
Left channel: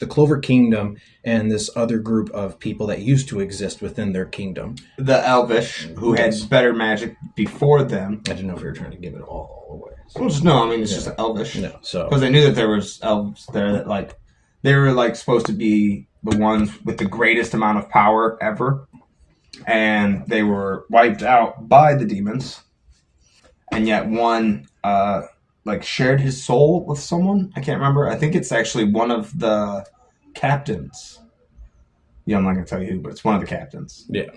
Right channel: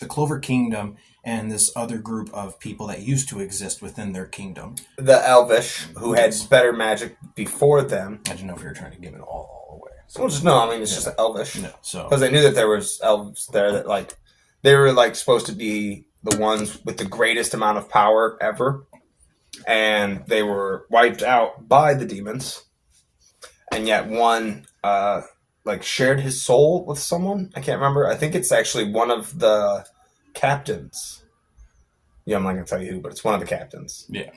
Clover Kingdom and this other group of people that used to exist within their kingdom. The Elvish, who had better magic before them. I didn't know if you were trying to give it all away. So. Well, it's just Elvish. No, so... Because I knew that there was elves there that, like, they were, like, supposed to be the ones with the greatest amount of power ever, and they were wiped out by the demons. And yet one like shared his soul with someone. I can't remember. I think it's actually one of the captains. Yeah, I'm not gonna tell you who, but it's one of the captains. Yeah.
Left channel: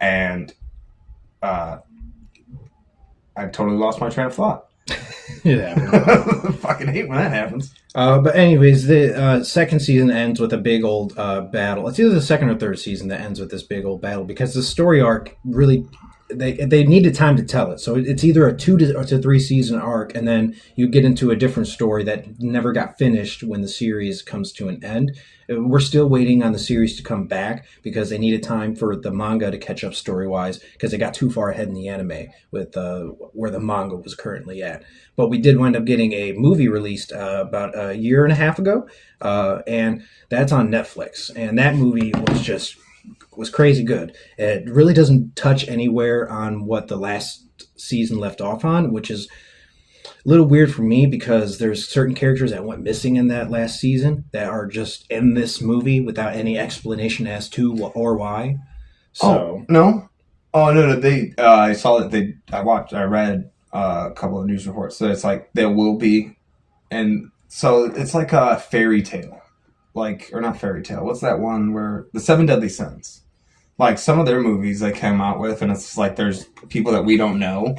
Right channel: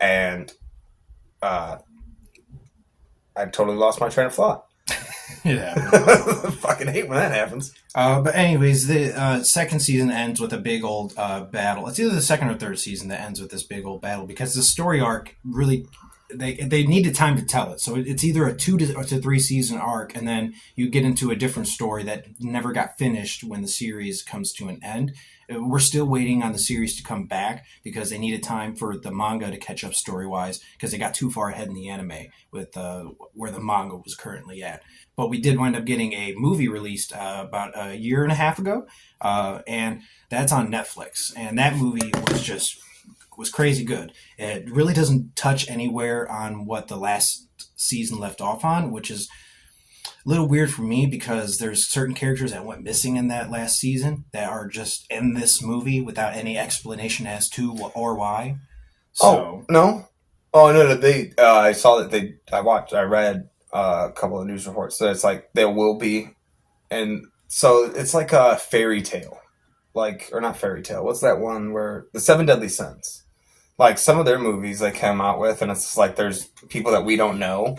And I totally lost my train of thought. Yeah. Fucking hate when that happens. But anyways, the second season ends with a big old battle. It's either the second or third season that ends with this big old battle because the story arc really they needed time to tell it. So it's either a 2 to 3 season arc, and then you get into a different story that never got finished when the series comes to an end. We're still waiting on the series to come back because they needed time for the manga to catch up story-wise because they got too far ahead in the anime with where the manga was currently at. But we did wind up getting a movie released about a year and a half ago, and that's on Netflix. And that movie was crazy good. It really doesn't touch anywhere on what the last season left off on, which is a little weird for me because there's certain characters that went missing in that last season that are just in this movie without any explanation as to or why. So no. They I saw that I read a couple of news reports that it's like there will be, and so it's like a fairy tale, or not fairy tale. What's that one where the Seven Deadly Sins? Like some of their movies they came out with, and it's like there's people that we don't know.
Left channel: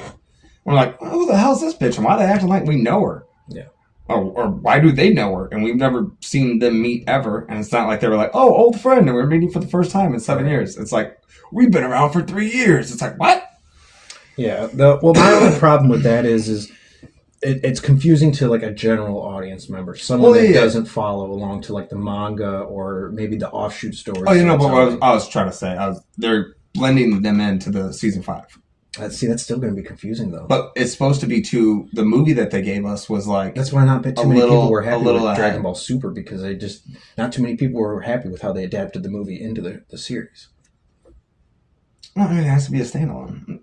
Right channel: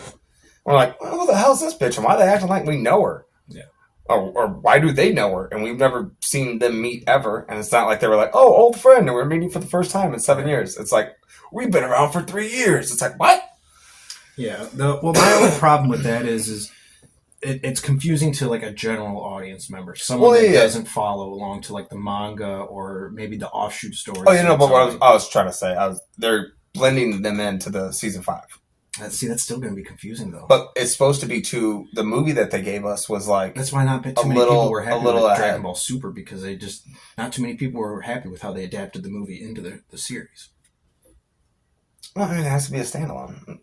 We're like, well, who the hell's this bitch? And why are they acting like we know her? Yeah. Or why do they know her? And we've never seen them meet ever. And it's not like they were like, oh, old friend, and we're meeting for the first time in 7 years. It's like, we've been around for 3 years. It's like, what? Yeah. My only problem with that is it's confusing to like a general audience member, someone that doesn't follow along to like the manga or maybe the offshoot stories. Oh, but what I was trying to say, they're blending them into the season 5. That's still going to be confusing though. But it's supposed to be the movie that they gave us was like. That's why not too many people were happy with Dragon Ball Super because not too many people were happy with how they adapted the movie into the series. Well, I mean, it has to be a standalone.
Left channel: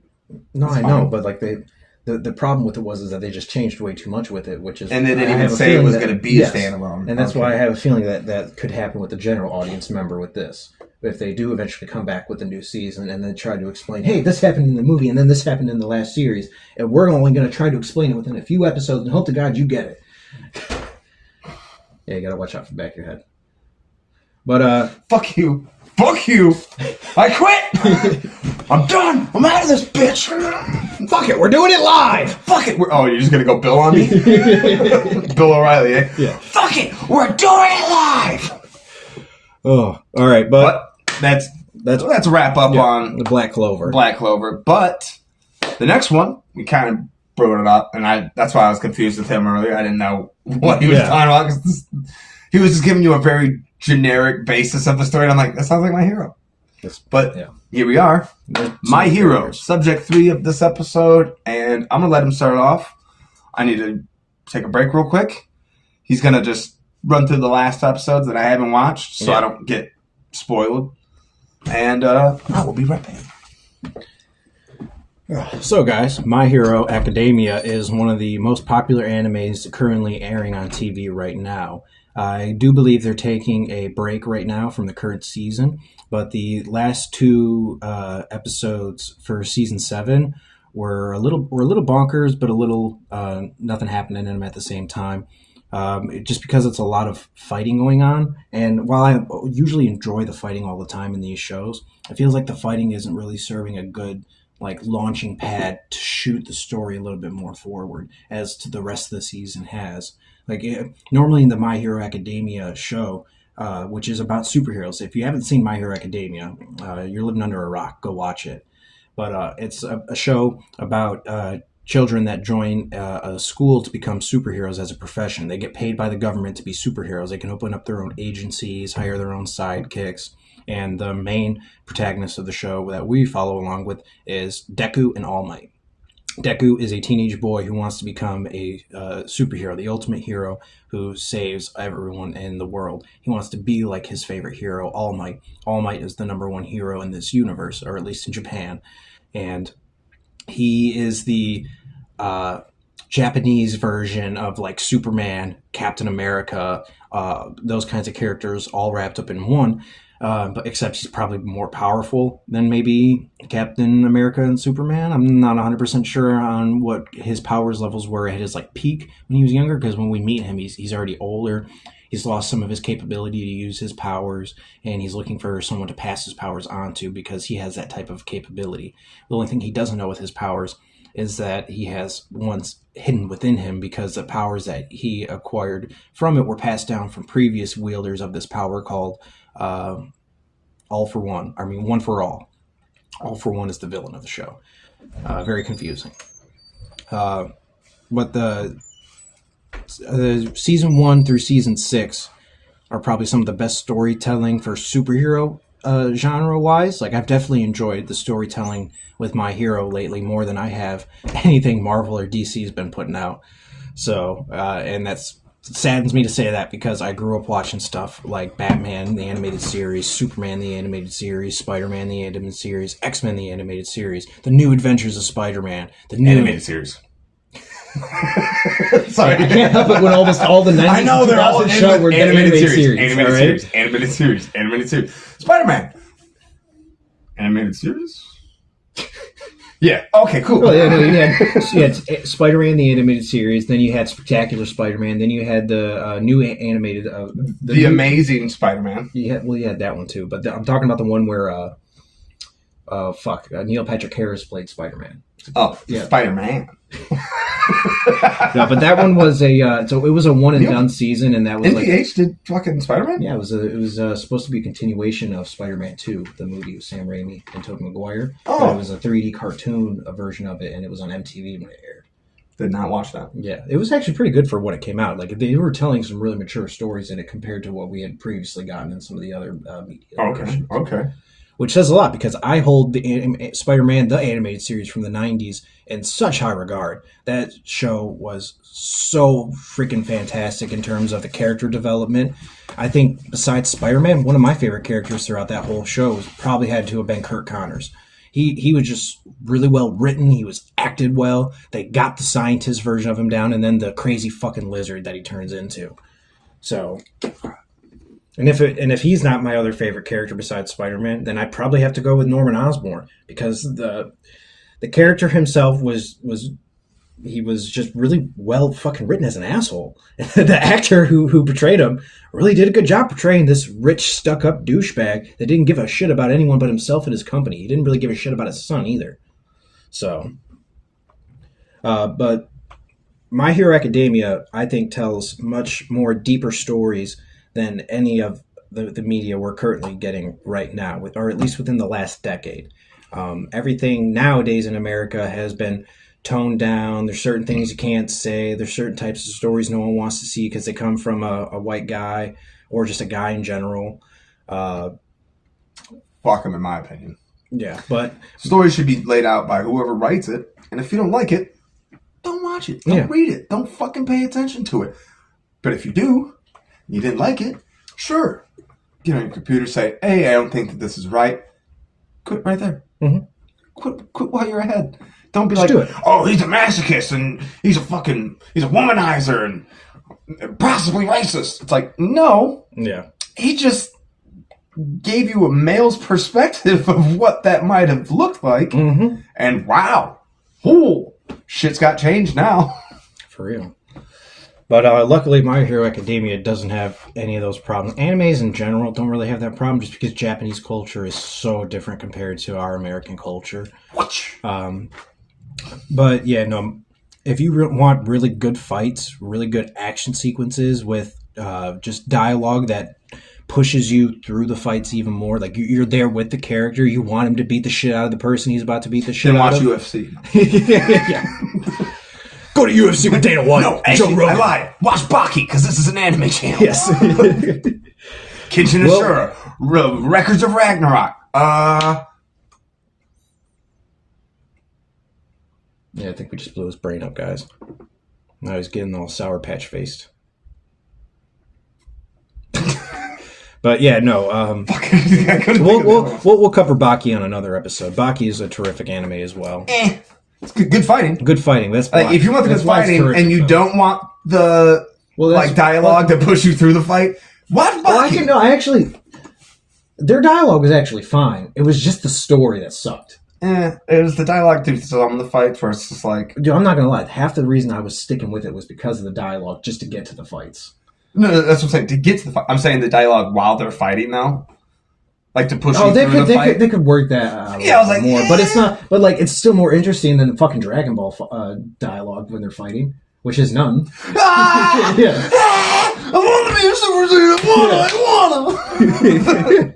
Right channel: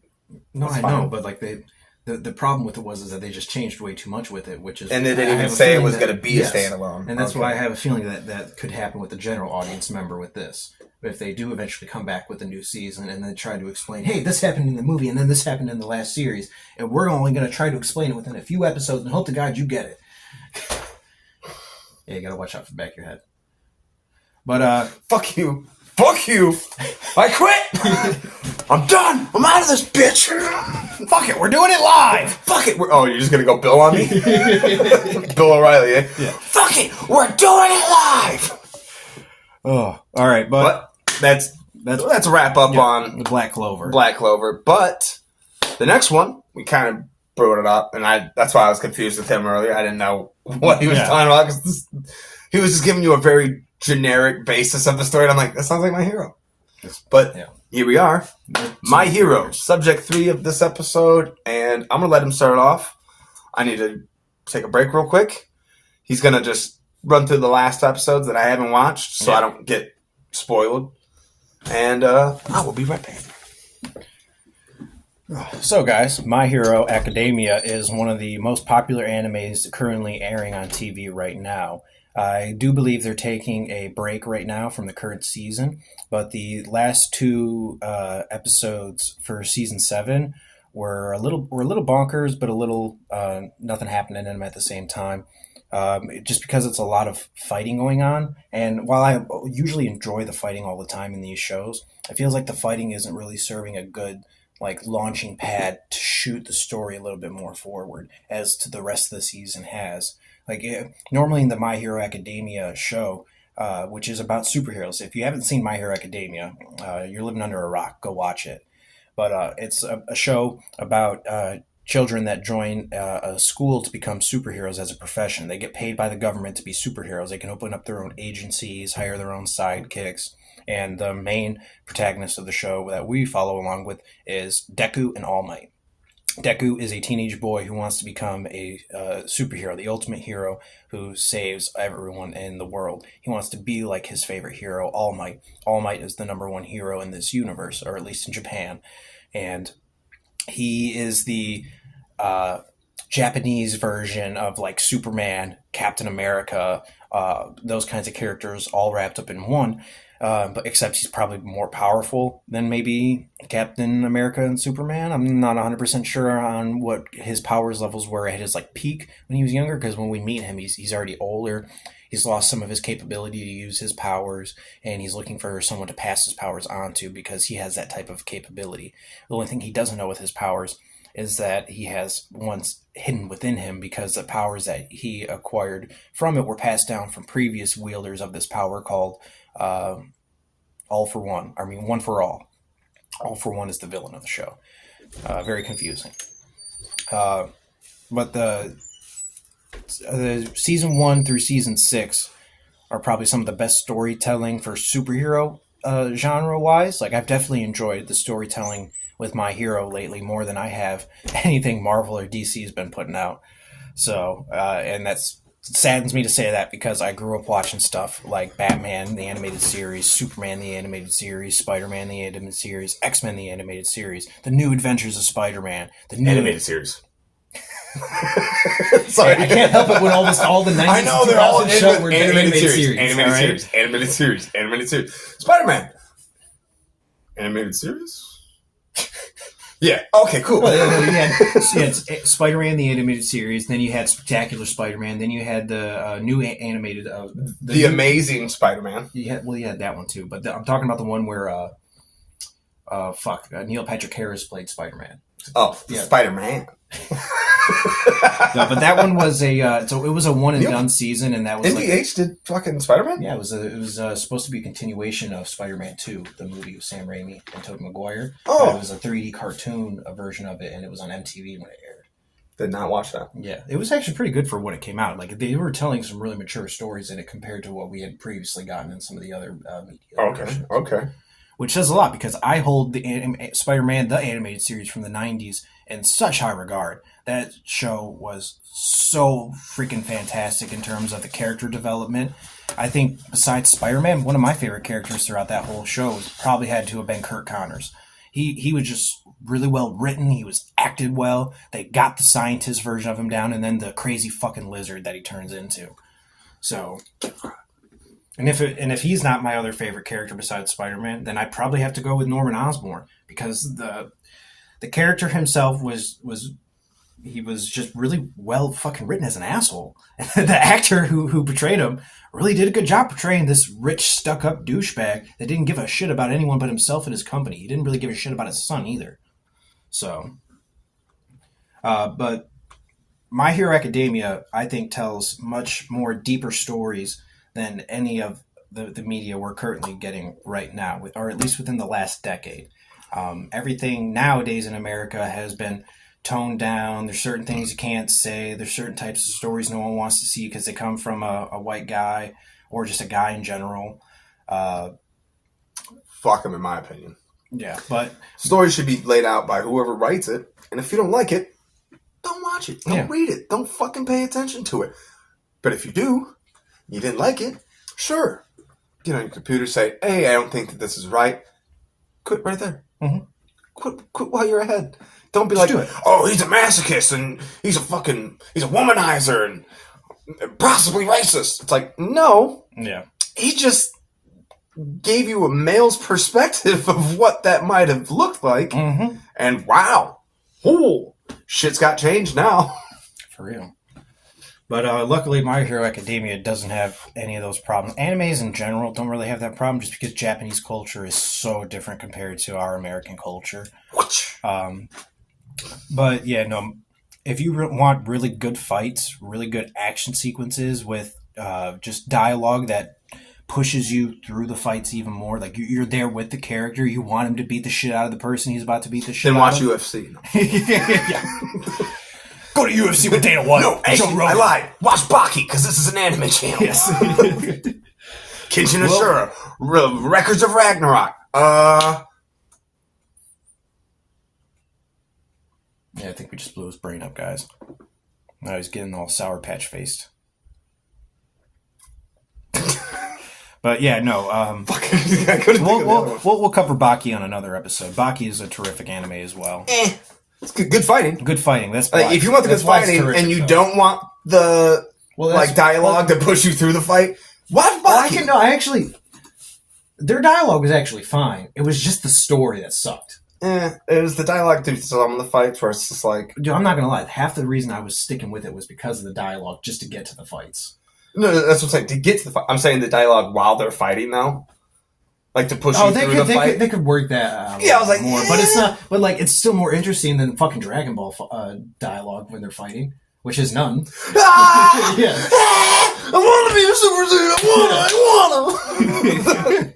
No, I know, but like the problem with it was that they just changed way too much with it, which is and they didn't even say it was going to be a standalone, and that's why I have a feeling that could happen with the general audience member with this. But if they do eventually come back with a new season and then try to explain, hey, this happened in the movie and then this happened in the last series, and we're only going to try to explain it within a few episodes and hope to God you get it. Yeah, you got to watch out for the back of your head. But fuck you, I quit. I'm done. I'm out of this bitch. Fuck it, we're doing it live. Fuck it. You're just gonna go Bill on me? Bill O'Reilly, eh? Yeah. Fuck it, we're doing it live. Oh, all right, but that's a wrap up on the Black Clover. But the next one we kind of brought it up, and that's why I was confused with him earlier. I didn't know what he was talking about because he was just giving you a very generic basis of the story. And I'm like, that sounds like My Hero. But here we are, My Hero, subject 3 of this episode, and I'm gonna let him start off. I need to take a break real quick. He's gonna just run through the last episodes that I haven't watched, so I don't get spoiled. And I will be right back. So, guys, My Hero Academia is one of the most popular animes currently airing on TV right now. I do believe they're taking a break right now from the current season, but the last 2 episodes for season 7 were a little bonkers, but a little nothing happening in them at the same time. Just because it's a lot of fighting going on, and while I usually enjoy the fighting all the time in these shows, it feels like the fighting isn't really serving a good launching pad to shoot the story a little bit more forward as to the rest of the season has. Normally in the My Hero Academia show, which is about superheroes, if you haven't seen My Hero Academia, you're living under a rock. Go watch it. But it's a show about children that join a school to become superheroes as a profession. They get paid by the government to be superheroes. They can open up their own agencies, hire their own sidekicks. And the main protagonist of the show that we follow along with is Deku and All Might. Deku is a teenage boy who wants to become a superhero, the ultimate hero who saves everyone in the world. He wants to be like his favorite hero, All Might. All Might is the #1 hero in this universe, or at least in Japan. And he is the Japanese version of Superman, Captain America, those kinds of characters all wrapped up in one. But except he's probably more powerful than maybe Captain America and Superman. I'm not 100% sure on what his powers levels were at his like peak when he was younger, because when we meet him, he's already older. He's lost some of his capability to use his powers, and he's looking for someone to pass his powers on to because he has that type of capability. The only thing he doesn't know with his powers is that he has ones hidden within him, because the powers that he acquired from it were passed down from previous wielders of this power called All for One. I mean, One for All. All for One is the villain of the show. Very confusing. But the season 1 through season 6 are probably some of the best storytelling for superhero genre wise. Like, I've definitely enjoyed the storytelling with My Hero lately more than I have anything Marvel or DC has been putting out. So, and that's saddens me to say that, because I grew up watching stuff like Batman, the animated series, Superman, the animated series, Spider-Man, the animated series, X-Men, the animated series, The New Adventures of Spider-Man, the new animated series. Sorry, I can't help it when almost all the 90s I know and they're all 2000s show were animated series. Animated series. Spider-Man. Animated series? Yeah. Okay, cool. Well, you had Spider-Man, the animated series. Then you had Spectacular Spider-Man. Then you had the new animated... the Amazing Spider-Man. You had that one too. But I'm talking about the one where... Neil Patrick Harris played Spider-Man. Oh, yeah. Spider-Man. No, but that one was so it was a one and done season, and that was NPH did fucking Spider-Man? Yeah, it was supposed to be a continuation of Spider-Man 2, the movie with Sam Raimi and Tobey Maguire. Oh. It was a 3D cartoon version of it, and it was on MTV when it aired. Did not watch that. Yeah, it was actually pretty good for when it came out. Like, they were telling some really mature stories in it compared to what we had previously gotten in some of the other media versions. Okay. Which says a lot, because I hold the Spider-Man, the animated series from the 90s, in such high regard. That show was so freaking fantastic in terms of the character development. I think besides Spider-Man, one of my favorite characters throughout that whole show probably had to have been Kirk Connors. He was just really well written. He was acted well. They got the scientist version of him down, and then the crazy fucking lizard that he turns into. So... And if he's not my other favorite character besides Spider-Man, then I probably have to go with Norman Osborn, because the character himself was just really well fucking written as an asshole. The actor who portrayed him really did a good job portraying this rich, stuck-up douchebag that didn't give a shit about anyone but himself and his company. He didn't really give a shit about his son either. So, but My Hero Academia, I think, tells much more deeper stories than any of the media we're currently getting right now, or at least within the last decade. Everything nowadays in America has been toned down. There's certain things you can't say. There's certain types of stories no one wants to see because they come from a white guy or just a guy in general. Fuck him, in my opinion. Yeah, but... Stories should be laid out by whoever writes it, and if you don't like it, don't watch it. Don't read it. Don't fucking pay attention to it. But if you do... You didn't like it? Sure. Get on your computer, say, hey, I don't think that this is right. Quit right there. Mm-hmm. Quit while you're ahead. Don't be Just like, oh, he's a masochist and he's a womanizer and possibly racist. It's like, no. Yeah. He just gave you a male's perspective of what that might have looked like. Mm-hmm. And wow. Oh, shit's got changed now. For real. But luckily, My Hero Academia doesn't have any of those problems. Animes in general don't really have that problem, just because Japanese culture is so different compared to our American culture. But yeah, no, if you want really good fights, really good action sequences with just dialogue that pushes you through the fights even more, like you're there with the character, you want him to beat the shit out of the person he's about to beat the shit out of. Then watch UFC. Yeah. Go to UFC with Dana White. No, actually, I lied. Watch Baki, because this is an anime channel. Yes. Kenshin Ashura, Records of Ragnarok. Yeah, I think we just blew his brain up, guys. Now he's getting all Sour Patch faced. But yeah, no. We'll cover Baki on another episode. Baki is a terrific anime as well. It's good fighting. Good fighting. That's if you want the good fighting and you don't want the Well, like dialogue to push you through the fight. What? Well, their dialogue was actually fine. It was just the story that sucked. It was the dialogue to some of the fights where it's just like... Dude, I'm not going to lie. Half the reason I was sticking with it was because of the dialogue, just to get to the fights. No, that's what I'm saying. To get to the fight. I'm saying the dialogue while they're fighting, though. Like, to push you through the fight. They could work that I was like, more. But it's not... But, like, it's still more interesting than fucking Dragon Ball dialogue when they're fighting, which is none. Yeah. I want to be a Super Saiyan. I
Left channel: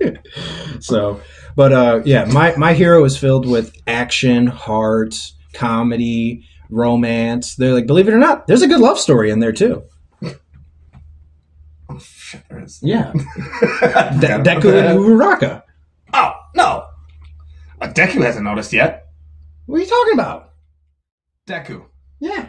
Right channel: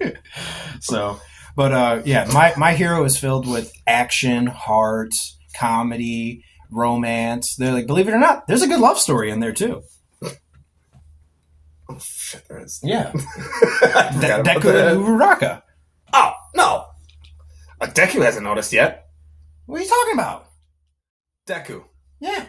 want to. So... But yeah, my hero is filled with action, heart, comedy, romance. They're like, believe it or not, there's a good love story in there too. Oh shit, there is. Yeah, Deku and Uraraka. Oh no, Deku hasn't noticed yet. What are you talking about? Deku. Yeah,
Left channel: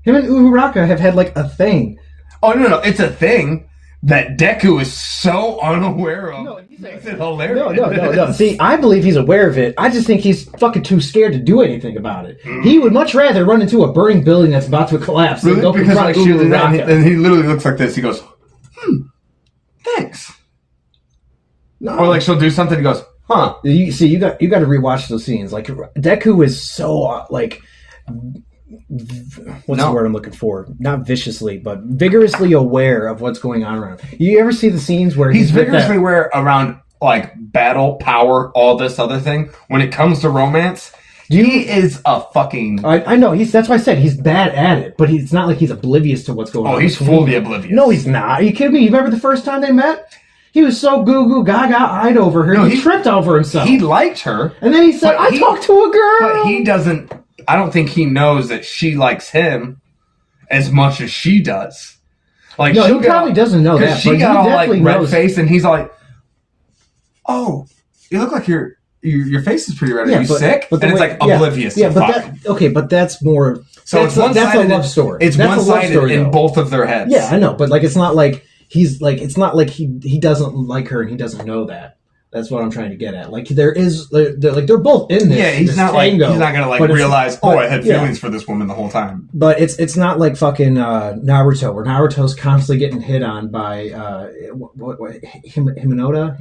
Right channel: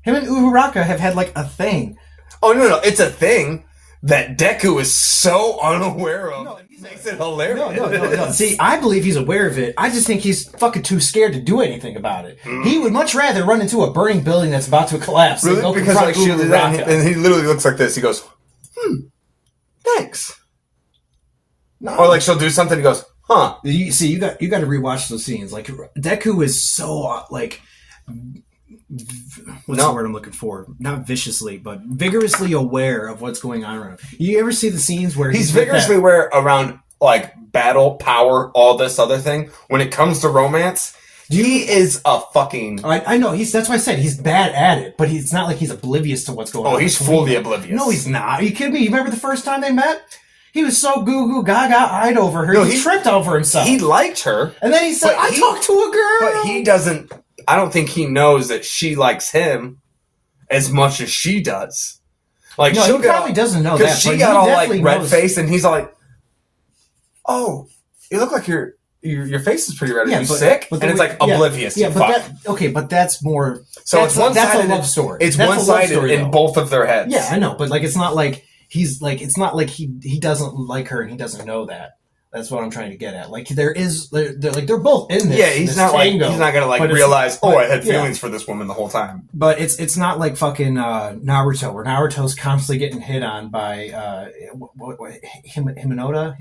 him and Uraraka have had like a thing. Oh no, it's a thing that Deku is so unaware of. No, makes it hilarious. No. See, I believe he's aware of it. I just think he's fucking too scared to do anything about it. He would much rather run into a burning building that's about to collapse than go confront Uraraka. And he literally looks like this. He goes, thanks. No. Or like she'll do something. He goes, huh. You got to rewatch those scenes. Like Deku is so like. What's the word I'm looking for? Not viciously, but vigorously aware of what's going on around. You ever see the scenes where he's vigorously aware around like battle, power, all this other thing? When it comes to romance, he is a fucking... I know, that's why I said he's bad at it, but it's not like he's oblivious to what's going on. Oh, he's fully oblivious. No, he's not. Are you kidding me? You remember the first time they met? He was so goo-goo gaga-eyed over her, he tripped over himself. He liked her. And then he said, I talked to a girl! But he doesn't... I don't think he knows that she likes him as much as she does. Like, no, he probably doesn't know that. Because she got all like red face, and he's like, "Oh, you look like your face is pretty red. Are you sick?" But and it's like oblivious. Yeah, but that's more. So that's a love story. It's one-sided in both of their heads. Yeah, I know, but like it's not like he's like it's not like he doesn't like her and he doesn't know that. That's what I'm trying to get at. Like they're both in this. Yeah, he's not gonna realize. I had feelings for this woman the whole time. But it's not like fucking Naruto, where Naruto's constantly getting hit on by Himenoda.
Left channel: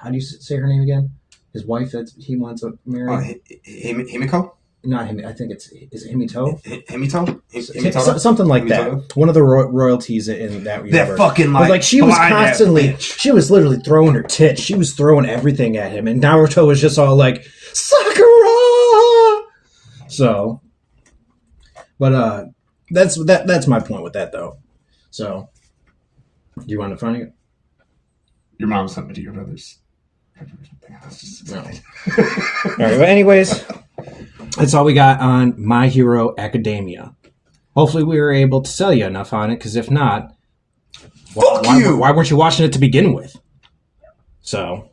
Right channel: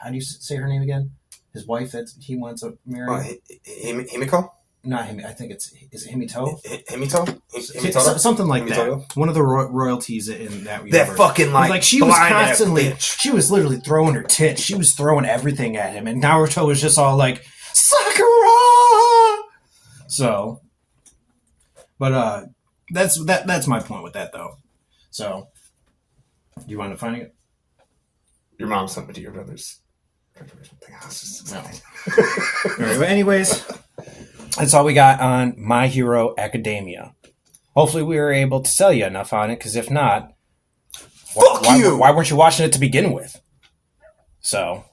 How do you say her name again? His wife that he wants to marry. Himiko. Not him. I think is it Himito? Himito? Something like that. One of the royalties in that universe. That fucking like she was constantly, she was literally throwing her tits. She was throwing everything at him, and Naruto was just all like Sakura. So, but that's my point with that though. So, do you want to find it? Your mom sent me to your brother's. No. All right. But anyways. That's all we got on My Hero Academia. Hopefully we were able to sell you enough on it, because if not, why weren't you watching it to begin with? So.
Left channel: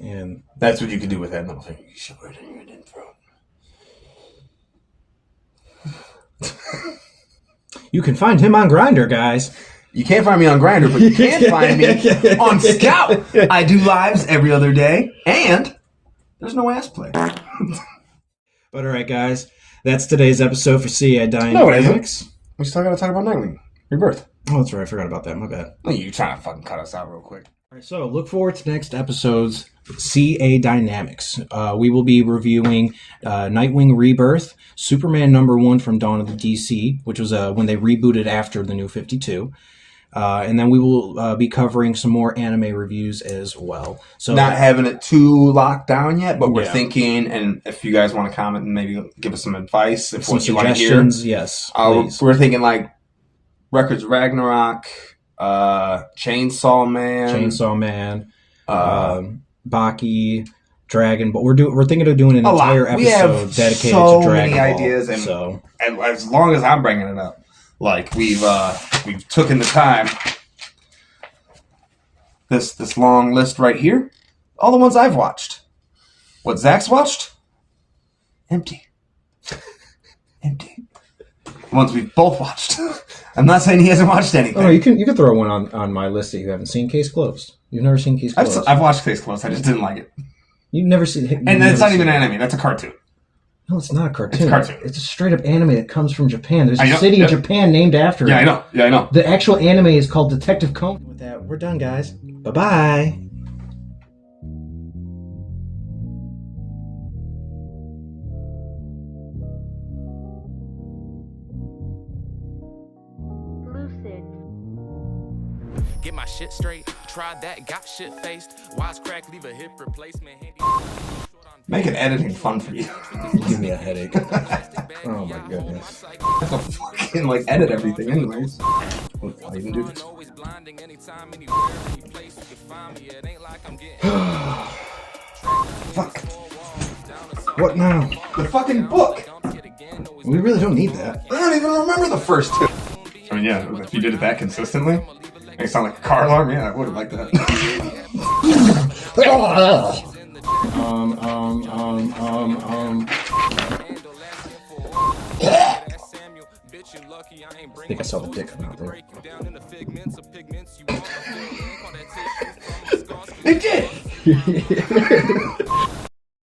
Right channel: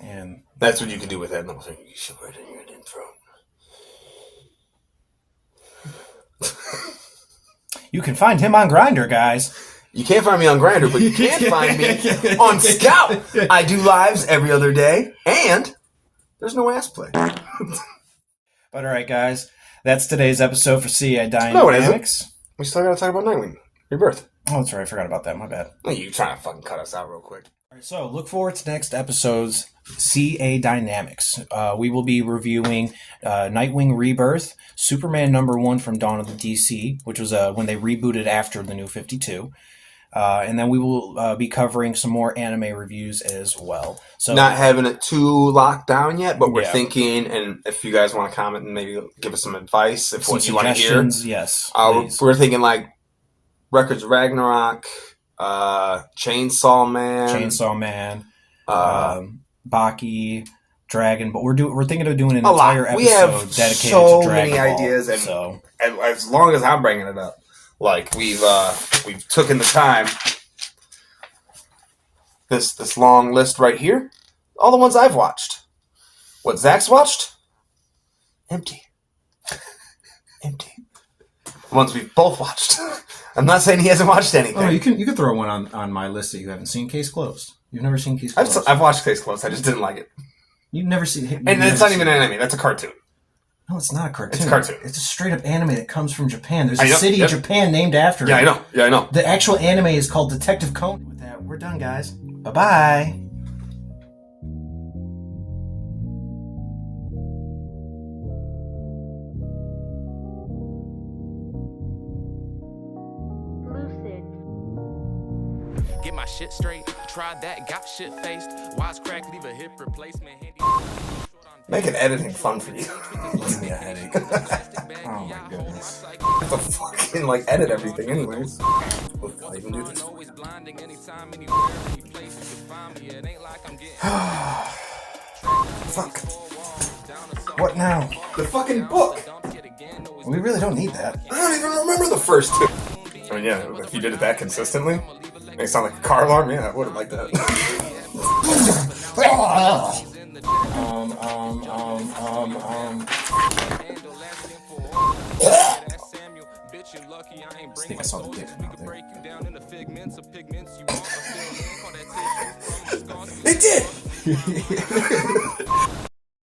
And that's what you can do with that little thing. You shove it in your throat. You can find him on Grindr, guys. You can't find me on Grindr, but you can find me on Scout. I do lives every other day, and there's no ass play. But all right, guys, that's today's episode for CA Dynamics. No, we still got to talk about Nightwing Rebirth. Oh, that's right. I forgot about that. My bad. Oh, you trying to fucking cut us out real quick. All right, so look forward to next episode's CA Dynamics. We will be reviewing Nightwing Rebirth, Superman #1 from Dawn of the DC, which was when they rebooted after the New 52. And then we will be covering some more anime reviews as well. So not having it too locked down yet, but we're thinking, and if you guys want to comment and maybe give us some advice, if some what you want to hear, yes, we're thinking like Records of Ragnarok, Chainsaw Man, Baki, Dragon Ball. We're thinking of doing an entire episode dedicated to Dragon Ball. Ideas, and as long as I'm bringing it up. Like we've taken the time. This long list right here, all the ones I've watched. What Zach's watched, empty. The ones we've both watched. I'm not saying he hasn't watched anything. Oh, you can throw one on my list that you haven't seen. Case Closed. You've never seen Case Closed. I've watched Case Closed. I just didn't like it. You've never seen it, and it's not even an anime. That's a cartoon. No, it's not a cartoon. It's a cartoon. It's a straight up anime that comes from Japan. There's a I know, city yep. in Japan named after it. Yeah, I know. Yeah, I know. The actual anime is called Detective Conan. With that, we're done, guys. Bye-bye. Get my shit straight. Tried that, got shit faced. Wise crack, leave a hip replacement. Make it editing fun for you. Give me a headache. Oh my goodness. I have to fucking like edit everything anyways. I'll even do this. Fuck. What now? The fucking book! We really don't need that. I don't even remember the first two. I mean, yeah, if you did it that consistently, make it sound like a car alarm, yeah, I would have liked that. I think I saw the dick come out there. It did!